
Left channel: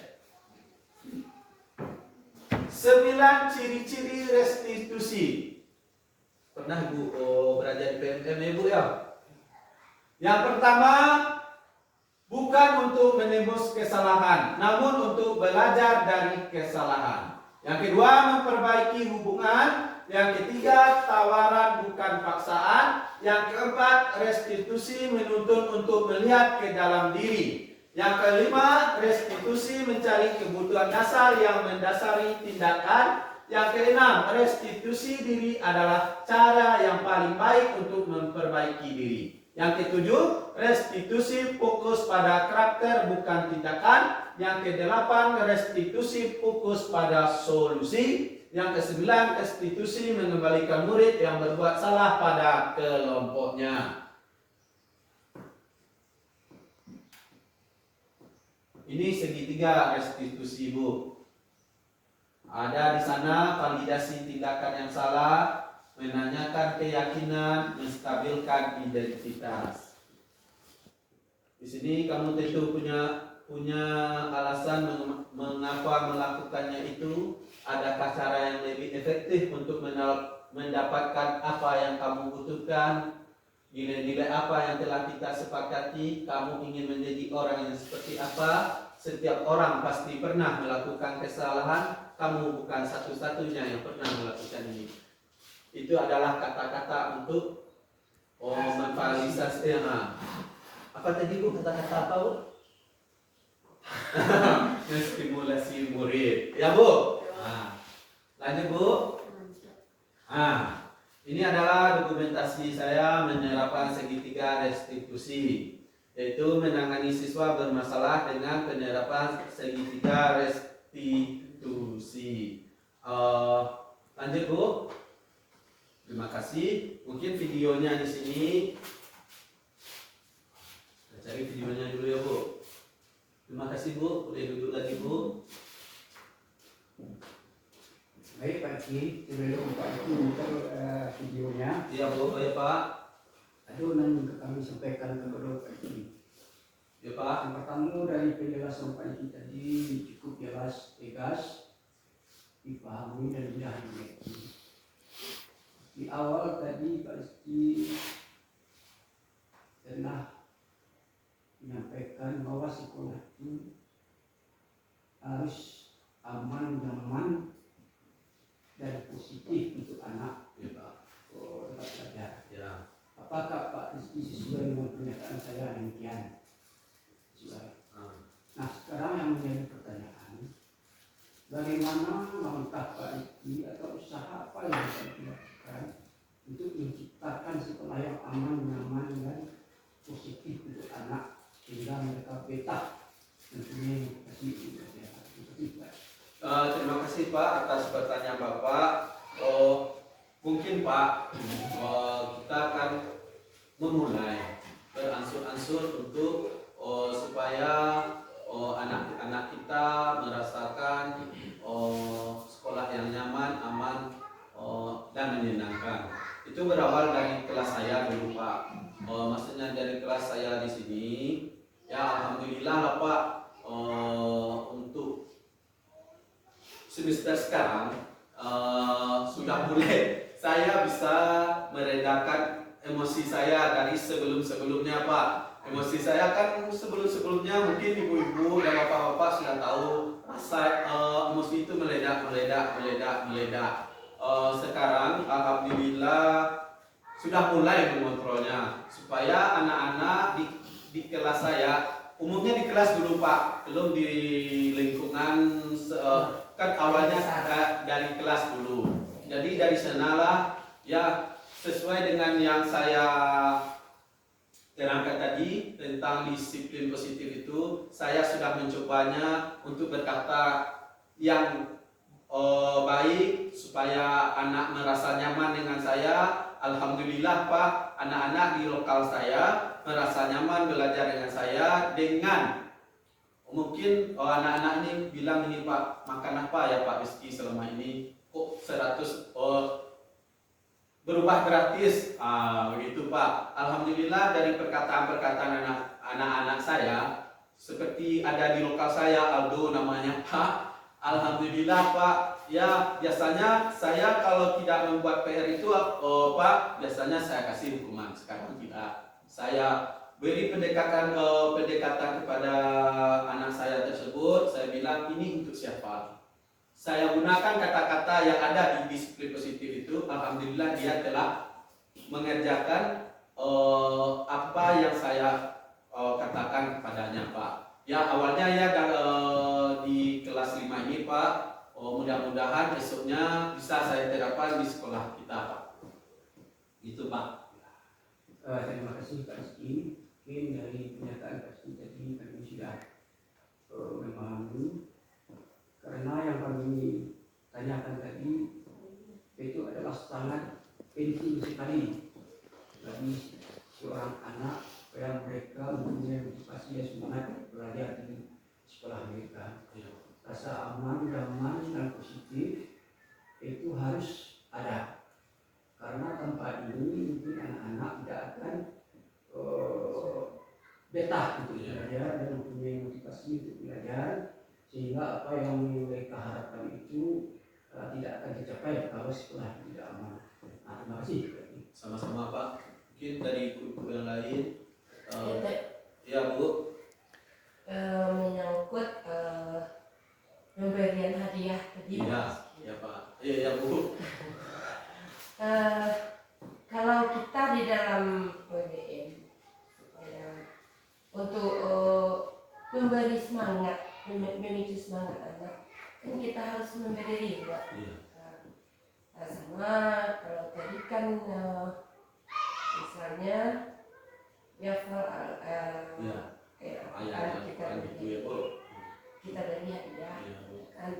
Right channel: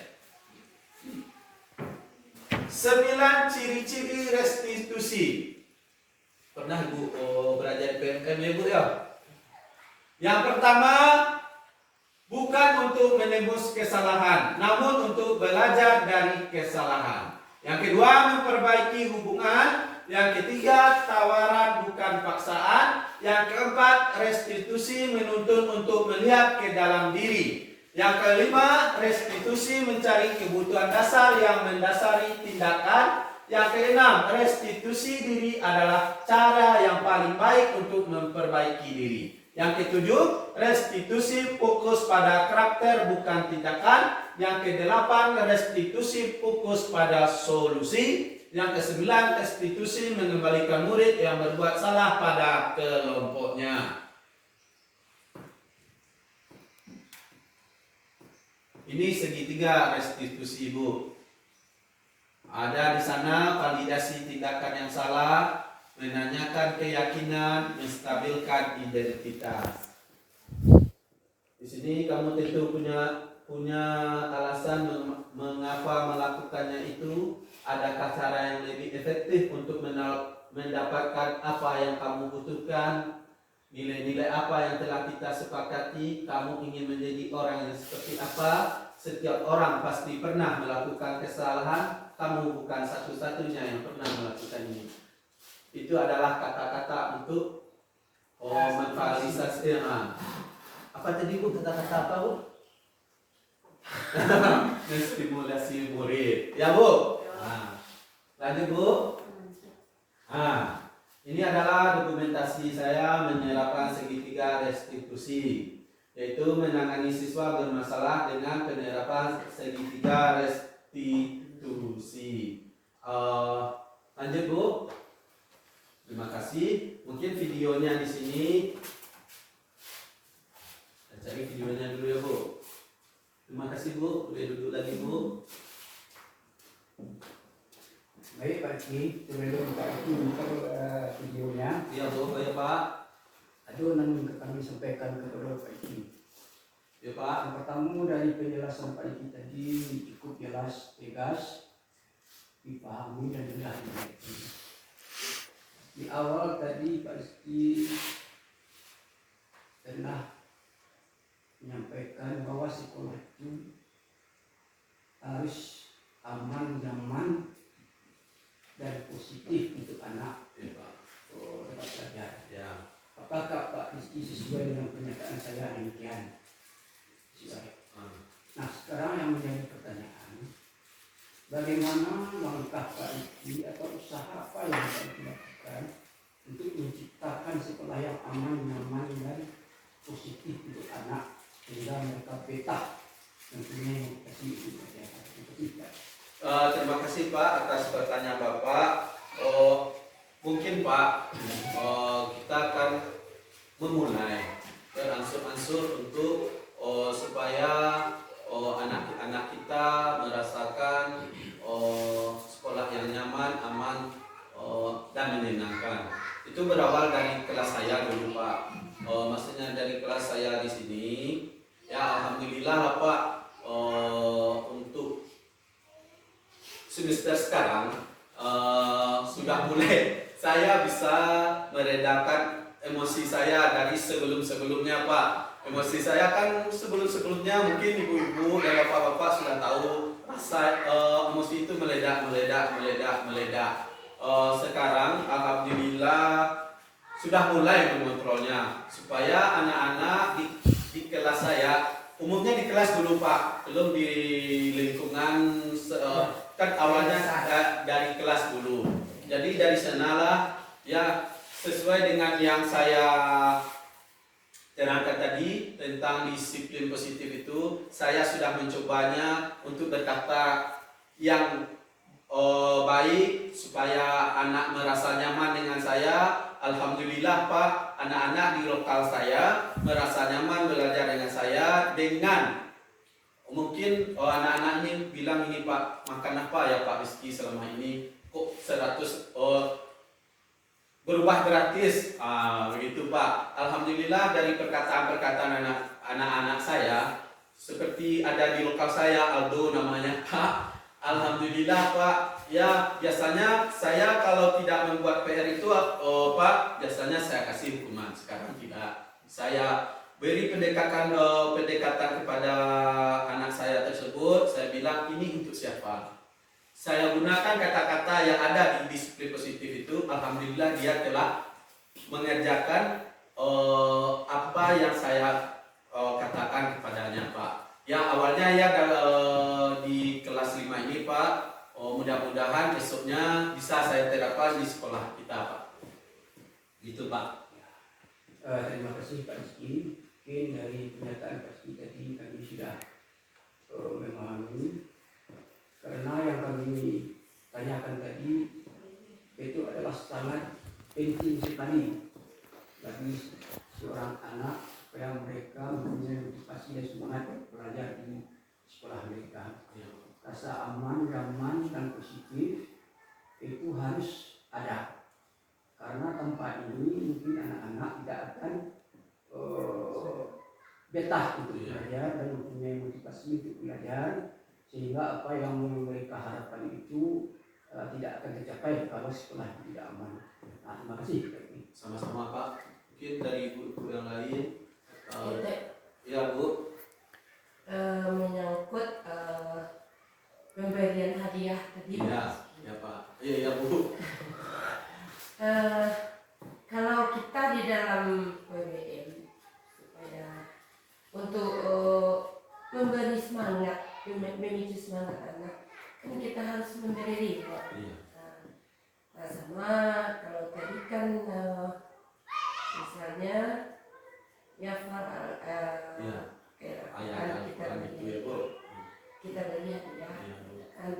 9 ciri-ciri restitusi. Pernah Ibu belajar di PMM ya, Bu ya? Yang pertama, bukan untuk menembus kesalahan, namun untuk belajar dari kesalahan. Yang kedua, memperbaiki hubungan. Yang ketiga, tawaran bukan paksaan. Yang keempat, restitusi menuntut untuk melihat ke dalam diri. Yang kelima, restitusi mencari kebutuhan dasar yang mendasari tindakan. Yang keenam, restitusi diri adalah cara yang paling baik untuk memperbaiki diri. Yang ketujuh, restitusi fokus pada karakter bukan tindakan. Yang kedelapan, restitusi fokus pada solusi. Yang kesembilan, restitusi mengembalikan murid yang berbuat salah pada kelompoknya. Ini segitiga restitusi, Bu. Ada di sana validasi tindakan yang salah, menanyakan keyakinan, menstabilkan identitas. Di sini kamu tentu punya alasan mengapa melakukannya itu. Adakah cara yang lebih efektif untuk mendapatkan apa yang kamu butuhkan? Nilai-nilai apa yang telah kita sepakati? Kamu ingin menjadi orang yang seperti apa? Setiap orang pasti pernah melakukan kesalahan. Kamu bukan satu-satunya yang pernah melakukan ini. Itu adalah kata-kata untuk memvalidasi. Apa tadi, Bu? Kata-kata apa, Bu? Menstimulasi murid. Ya, Bu? Lanjut, Bu. Ini adalah dokumentasi saya menerapkan segitiga restitusi, yaitu menangani siswa bermasalah dengan penerapan segitiga restitusi. Lanjut, Bu. Terima kasih. Mungkin videonya di sini. Saya cari videonya dulu ya, Bu. Terima kasih, Bu. Boleh duduk lagi, Bu. Baik Pak Rizky, sebelum Pak Rizky buka videonya, Iya, Bu. Baik, Pak. ada yang kami sampaikan kepada Pak Rizky. Ya, Pak. Yang pertama dari penjelasan Pak Rizky tadi cukup jelas, tegas, dipahami dan mudah dimengerti. Di awal tadi Pak Rizky telah menyampaikan bahwa sekolah itu harus aman, nyaman, dan positif untuk anak Ya, Pak. tetap belajar. Ya. Apakah Pak Rizky sesuai dengan pernyataan saya demikian? Sesuai. Nah, sekarang yang menjadi pertanyaan, bagaimana langkah Pak Rizky atau usaha apa yang Pak Rizky lakukan untuk menciptakan sekolah yang aman, nyaman, dan positif untuk anak sehingga mereka betah tentunya edukasi untuk belajar. Terima kasih, Pak, atas pertanyaan Bapak. Mungkin, Pak, kita akan memulai beransur-ansur untuk supaya anak-anak kita merasakan sekolah yang nyaman, aman, dan menyenangkan. Itu berawal dari kelas saya dulu, Pak. Maksudnya dari kelas saya di sini, ya alhamdulillah lah, Pak. Untuk semester sekarang sudah mulai saya bisa meredakan emosi saya dari sebelum-sebelumnya, Pak. Emosi saya kan sebelum-sebelumnya mungkin ibu-ibu dan bapak-bapak sudah tahu rasa emosi itu meledak. Sekarang alhamdulillah sudah mulai mengontrolnya supaya anak-anak di kelas saya, umumnya di kelas dulu, Pak, belum di lingkungan kan awalnya dari kelas dulu. Jadi dari sanalah ya sesuai dengan yang saya terangkan tadi tentang disiplin positif itu, saya sudah mencobanya untuk berkata yang baik supaya anak merasa nyaman dengan saya. Alhamdulillah, Pak, anak-anak di lokal saya merasa nyaman belajar dengan saya. Dengan mungkin anak-anak ini bilang, ini Pak, makan apa ya Pak Rizky selama ini kok 100 berubah gratis, begitu Pak. Alhamdulillah dari perkataan-perkataan anak-anak saya, seperti ada di lokal saya, Aldo namanya, Pak. Alhamdulillah, Pak. Ya biasanya saya kalau tidak membuat PR itu, Pak, biasanya saya kasih hukuman. Sekarang tidak. Saya beri pendekatan kepada anak saya tersebut. Saya bilang ini untuk siapa? Saya gunakan kata-kata yang ada di disiplin positif itu. Alhamdulillah dia telah mengerjakan apa yang saya katakan kepadanya, Pak. Ya awalnya ya di kelas 5 ini, Pak, mudah-mudahan esoknya bisa saya terapkan di sekolah kita, Pak. Gitu, Pak. Terima kasih Pak Rizky. Mungkin dari pernyataan Pak Rizky tadi kami sudah memahami, karena yang kami tanyakan tadi itu adalah sangat penting sekali bagi seorang anak supaya mereka mempunyai motivasi dan semangat belajar di sekolah mereka. Rasa aman, nyaman, dan positif itu harus ada. Karena tanpa ini mungkin anak-anak tidak akan betah untuk belajar dan mempunyai motivasi untuk belajar, sehingga apa yang mereka harapkan itu tidak akan tercapai kalau sekolah tidak aman. Nah, terima kasih. Sama-sama, Pak. Mungkin dari ibu yang lain. Ya, Bu. Menyangkut pemberian hadiah tadi. Iya, ya, Pak. Iya, Bu. Kalau kita di dalam PBM supaya untuk memberi semangat, memicu semangat anak, kan kita harus memberi reward. Iya. Sama kalau tadi kan misalnya ya Iya. Ayah kita gitu ya, Bu. kita beri hadiah. Iya, Bu. Kan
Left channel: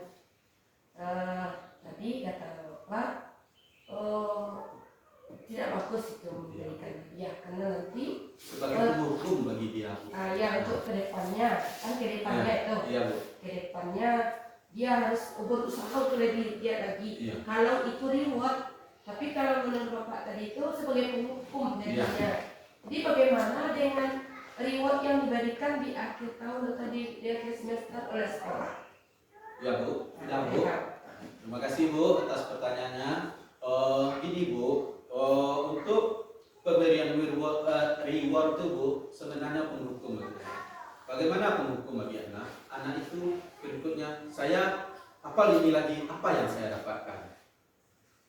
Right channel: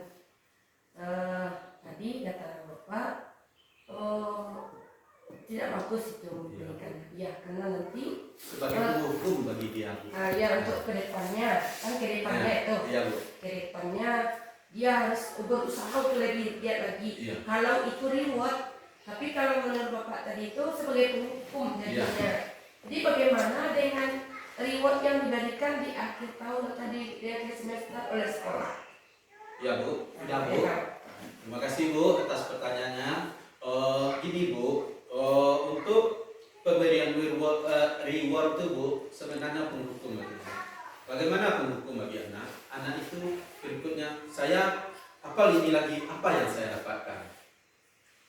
tadi kata Bapak tidak bagus itu memberikan hadiah karena nanti Sebagai penghukum bagi dia, Bu. ya untuk kedepannya kan itu Iya, Bu. kedepannya dia harus berusaha untuk lebih giat lagi. Iya. Kalau itu reward, tapi kalau menurut Bapak tadi itu sebagai penghukum jadinya. Jadi bagaimana dengan reward yang diberikan di akhir tahun tadi di akhir semester oleh sekolah? Ya, Bu. Sudah, Bu. Terima kasih, Bu, atas pertanyaannya. Gini, Bu, untuk pemberian reward itu, Bu, sebenarnya penghukum bagi anak. Bagaimana penghukum bagi anak? Anak itu berikutnya, saya apa ini lagi, apa yang saya dapatkan?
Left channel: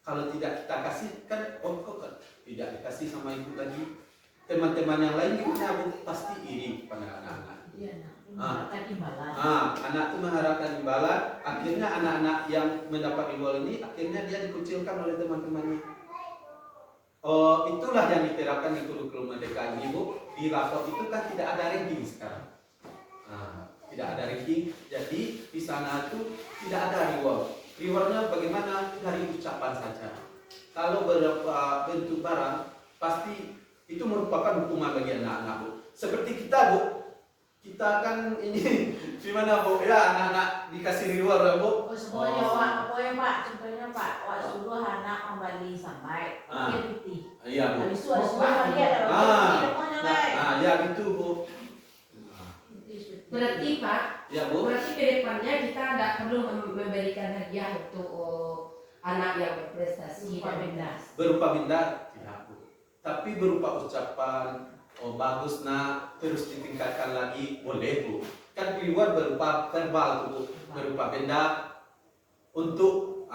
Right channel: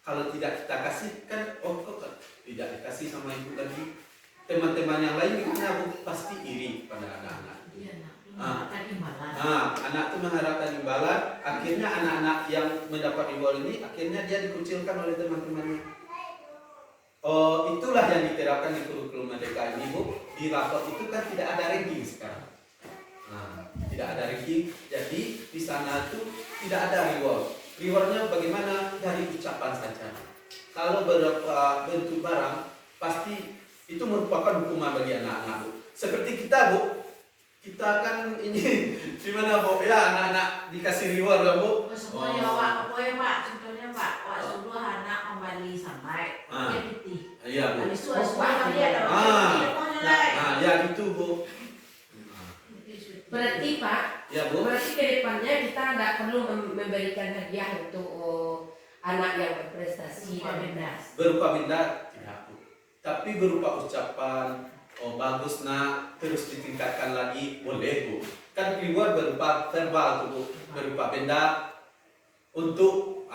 Kalau tidak kita kasih, kan, kok tidak dikasih sama ibu lagi? Teman-teman yang lain gimana, Bu? Pasti iri pada anak-anak. Iya, mengharapkan imbalan. Anak itu mengharapkan imbalan, akhirnya anak-anak yang mendapat reward ini akhirnya dia dikucilkan oleh teman-temannya. Itulah yang diterapkan di kurikulum Merdeka ini, Bu. Di rapor itu kan tidak ada ranking sekarang. Tidak ada ranking, jadi di sana itu tidak ada reward. Rewardnya bagaimana? Dari ucapan saja. Kalau beberapa bentuk barang, pasti itu merupakan hukuman bagi anak-anak, Bu. Seperti kita, Bu. Kita kan ini gimana, Bu? Ya, anak-anak dikasih reward lah, Bu. Semuanya pokoknya Pak, contohnya Pak, suruh anak kembali sampai pakai putih. Iya, Bu. Habis itu ada semua dia ada pokoknya Nah, ya gitu, Bu. Berarti Pak, Ya, Bu. berarti kedepannya kita tidak perlu memberikan hadiah untuk anak yang berprestasi dan bernas. Berupa benda tidak, Bu. Tapi berupa ucapan, bagus nak, terus ditingkatkan lagi, boleh, Bu. Kan reward berupa verbal tuh, Bu. Berupa benda untuk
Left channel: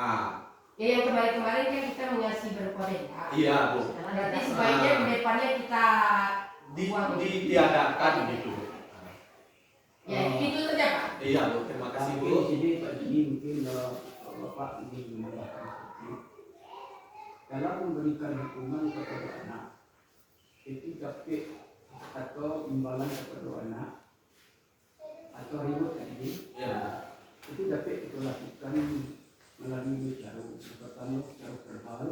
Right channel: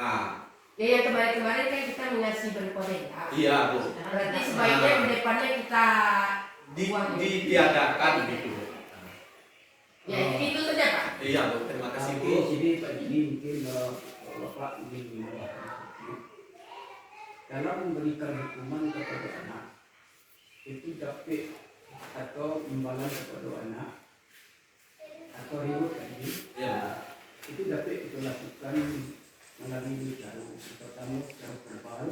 Ya yang kemarin-kemarin kan kita mengasih berupa benda. iya, Bu. Berarti sebaiknya kedepannya kita Ditiadakan gitu, Bu. ya itu saja Pak. Iya, Bu. Terima kasih, Bu. Jadi Pak Didi mungkin Bapak ingin menambahkan sedikit. Dalam memberikan hukuman kepada anak, itu dapat atau imbalan kepada anak atau reward tadi, Ya. itu dapat kita lakukan melalui cara pertama secara verbal,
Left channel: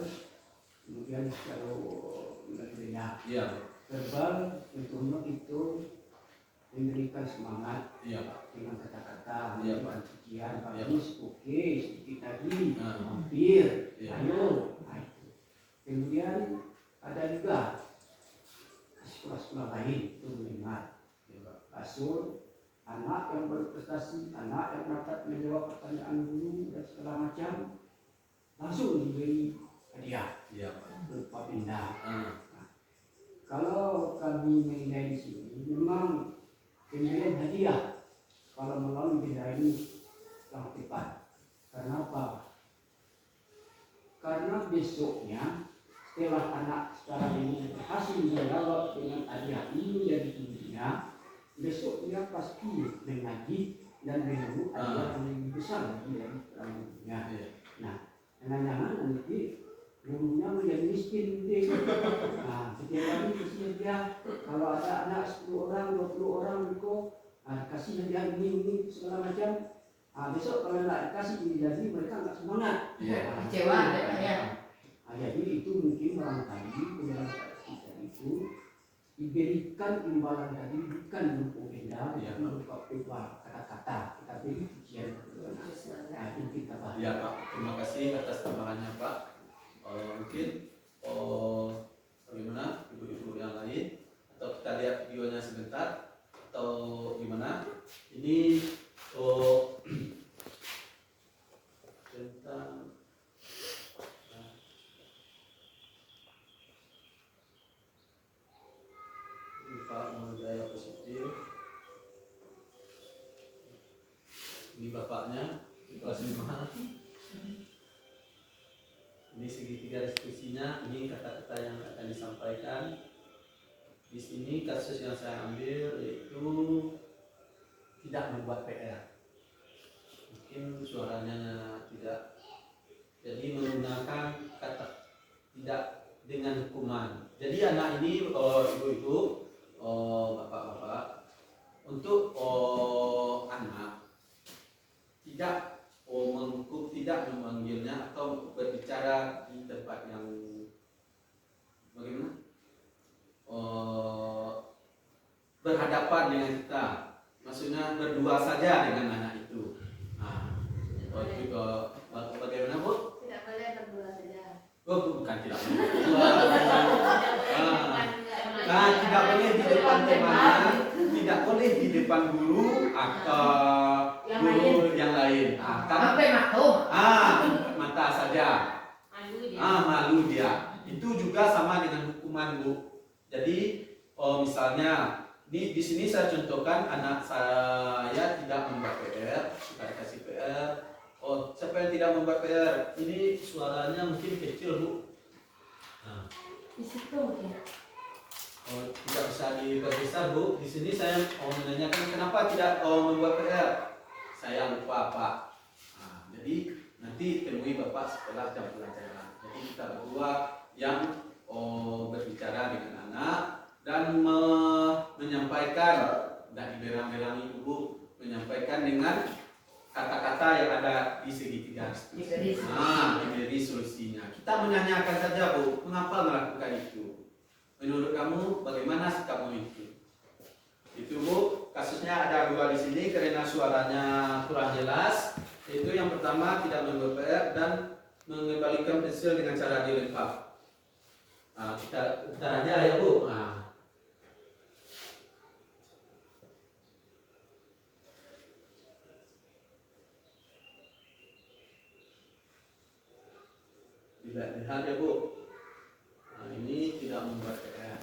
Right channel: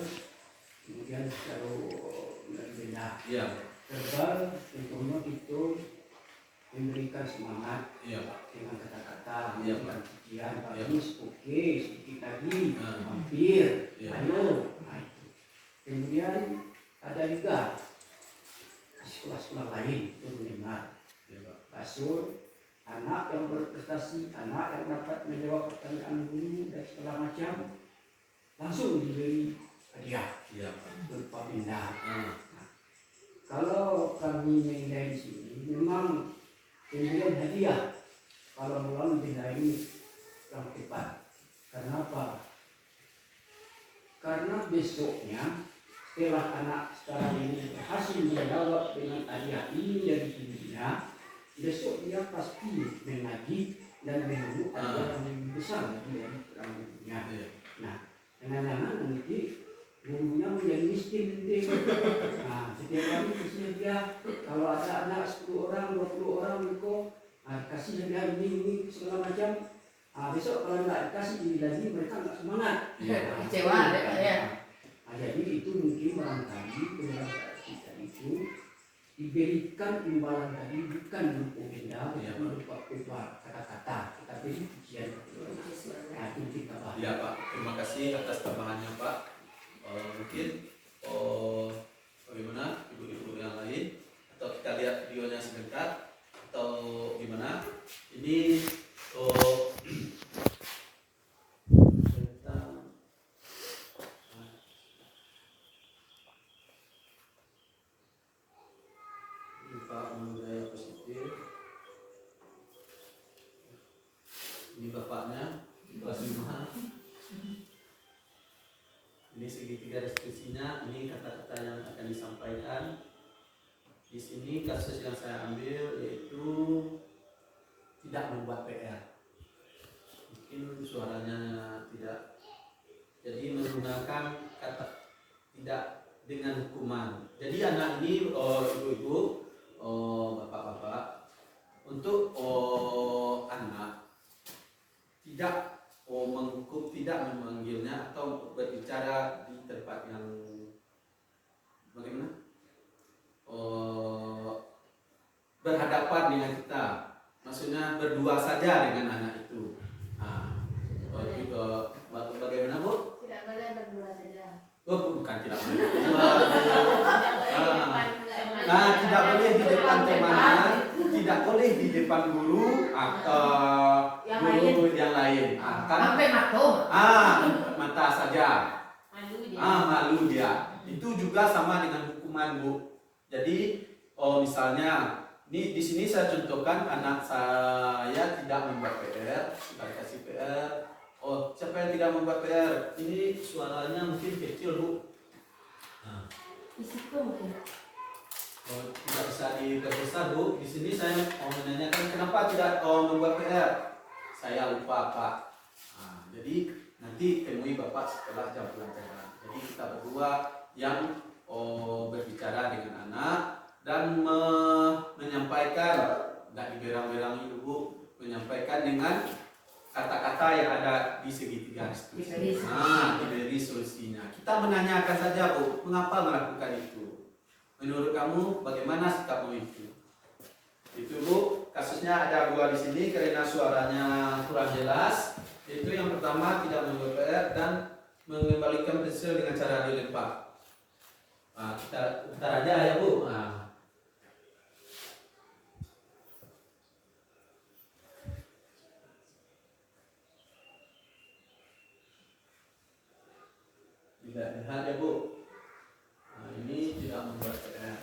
kemudian secara melalui benda. Iya, Verbal tentunya itu memberikan semangat iya, Pak. dengan kata-kata, Iya, dengan pujian, Iya, bagus, oke, sedikit lagi, Nah. hampir, Iya. ayo. Nah, itu. Kemudian ada juga di sekolah-sekolah lain itu mendengar Iya, Pak. kasur anak yang berprestasi, anak yang dapat menjawab pertanyaan guru dan segala macam, langsung diberi hadiah Iya, Pak. berupa benda. Ah. Kalau kami menilai di sini, memang pemberian hadiah kalau melalui benda ini yang tepat. Karena apa? Karena besoknya setelah anak sekarang ini berhasil menjawab dengan hadiah ini dari ibunya, besok dia pasti menagih dan biru adalah yang lebih besar lagi dari perang dunia. Iya. Nah, jangan-jangan nanti gurunya menjadi miskin nanti. Nah, setiap hari kasih dia kalau ada anak 10 orang, 20 orang itu kasih dia ini segala macam. Besok kalau nggak dikasih ini lagi mereka nggak semangat. Kecewa deh ya. Jadi itu mungkin barangkali dalam kita itu diberikan imbalan tadi bukan berupa benda, berupa kata-kata, tetapi pujian. Nah, itu kita bahas. Ya Pak, terima kasih atas tambahannya Pak. Mungkin bagaimana ibu-ibu yang lain, atau kita lihat videonya sebentar atau gimana? Ini sebentar. Ini Pak, budaya positif. Ini bapaknya kelas 5. Ini segitiga diskusinya, ini kata-kata yang akan disampaikan. Di sini kasus yang saya ambil yaitu tidak membuat PR. Mungkin suaranya tidak. Jadi menggunakan kata tidak dengan hukuman. Jadi anak ini ibu-ibu, bapak-bapak, untuk anak tidak menghukum, tidak memanggilnya atau berbicara di tempat yang bagaimana berhadapan dengan kita, maksudnya berdua saja dengan anak itu. Nah, bagaimana Bu? Tidak boleh berdua saja. Oh, bukan tidak boleh berdua. Nah, tidak boleh di depan temannya, tidak boleh di depan guru atau guru yang lain. Sampai matum. Mata saja. Malu dia. Itu juga sama dengan hukuman Bu. Jadi, misalnya, di sini saya contohkan anak saya tidak membuat PR, tidak dikasih PR. Siapa yang tidak membuat PR? Ini suaranya mungkin kecil Bu. Di situ mungkin. Tidak bisa diperbesar Bu. Di sini saya mau menanyakan kenapa tidak membuat PR. Saya lupa Pak. Jadi nanti temui Bapak setelah jam pelajaran. Jadi kita berdua yang berbicara dengan anak dan menyampaikan, tidak diberang-berangi Ibu, menyampaikan dengan kata-kata yang ada di segitiga diskusi. Diberi solusinya. Kita menanyakan saja Bu, mengapa melakukan itu? Menurut kamu bagaimana sikapmu itu? Itu Bu, kasusnya ada 2 di sini karena suaranya kurang jelas. Itu yang pertama tidak membuat PR dan mengembalikan pensil dengan cara dilempar. Kita aja ya Bu. Lihat ya Bu. Ini tidak membuat PR.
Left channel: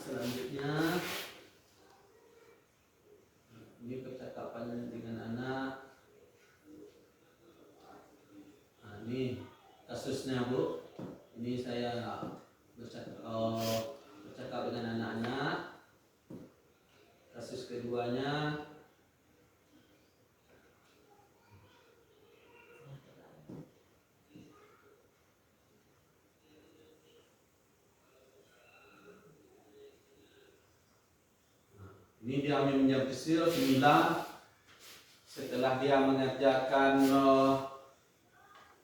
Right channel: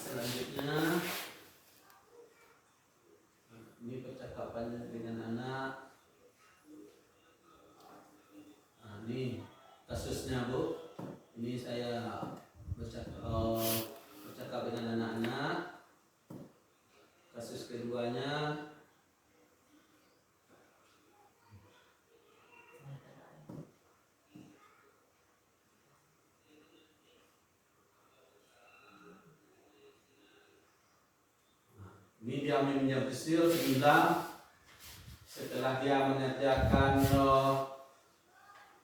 Selanjutnya ini percakapan dengan anak. Ini kasusnya Bu. Ini saya bercakap dengan anak-anak. Kasus keduanya ini dia meminjam pensil hilang setelah dia mengerjakan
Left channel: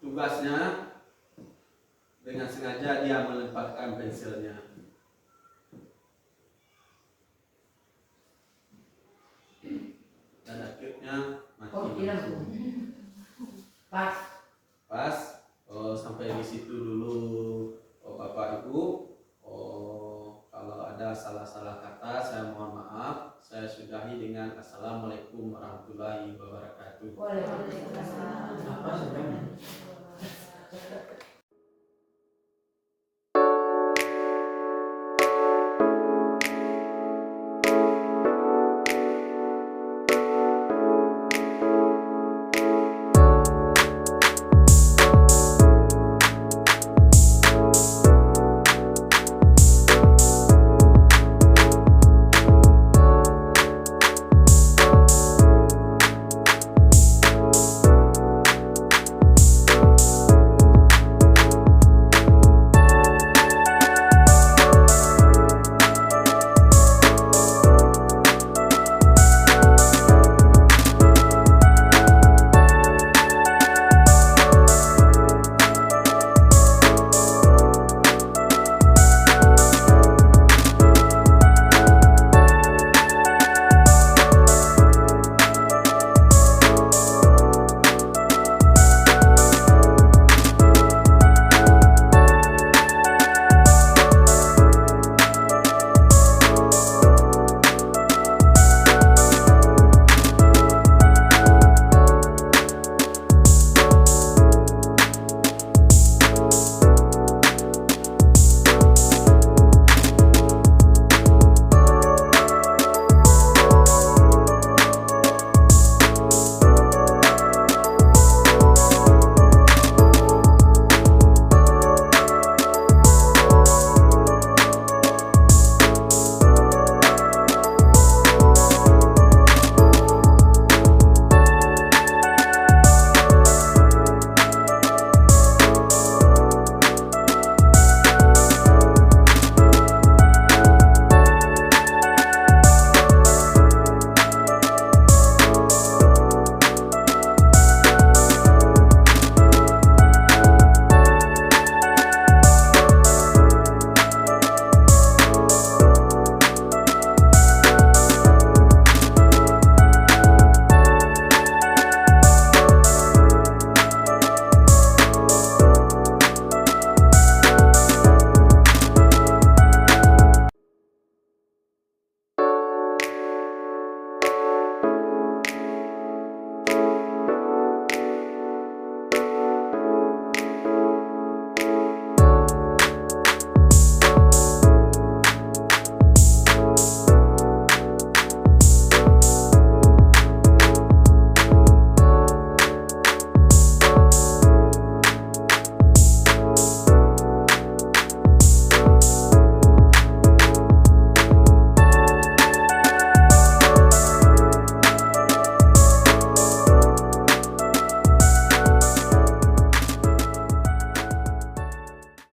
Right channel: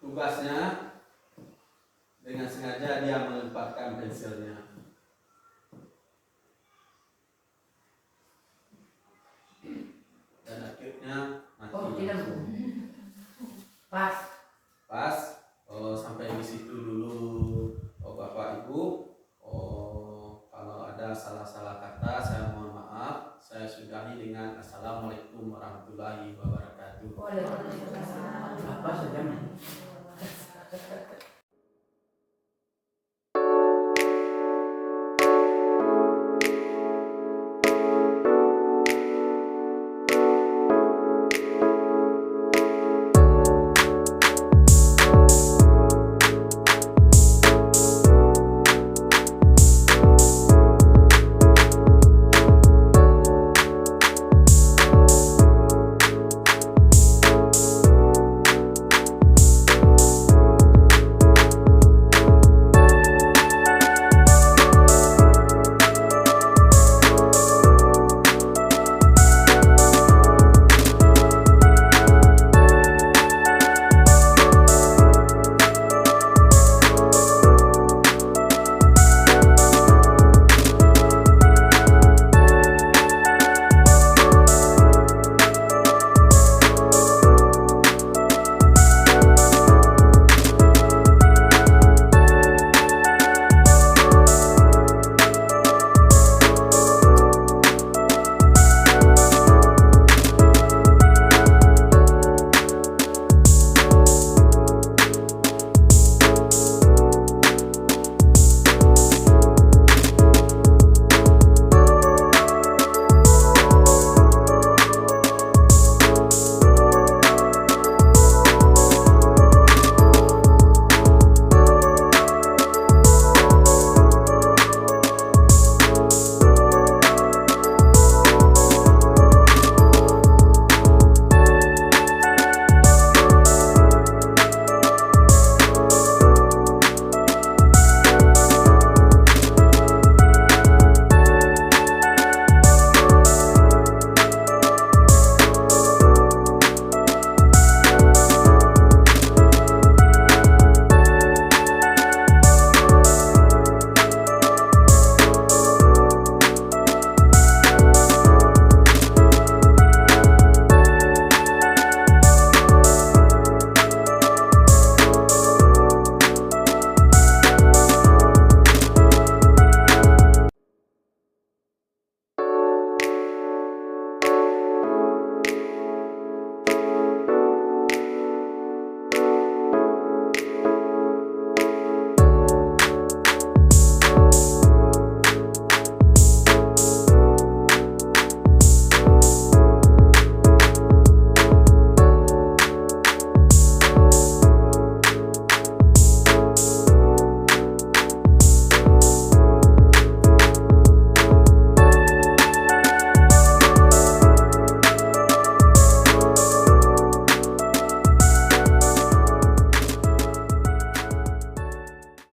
tugasnya, dengan sengaja dia melemparkan pensilnya. Dan akhirnya mati. Pas. Sampai di situ dulu Bapak Ibu. Kalau ada salah-salah kata saya mohon maaf. Saya sudahi dengan Assalamualaikum warahmatullahi wabarakatuh. Waalaikumsalam. Apa saja?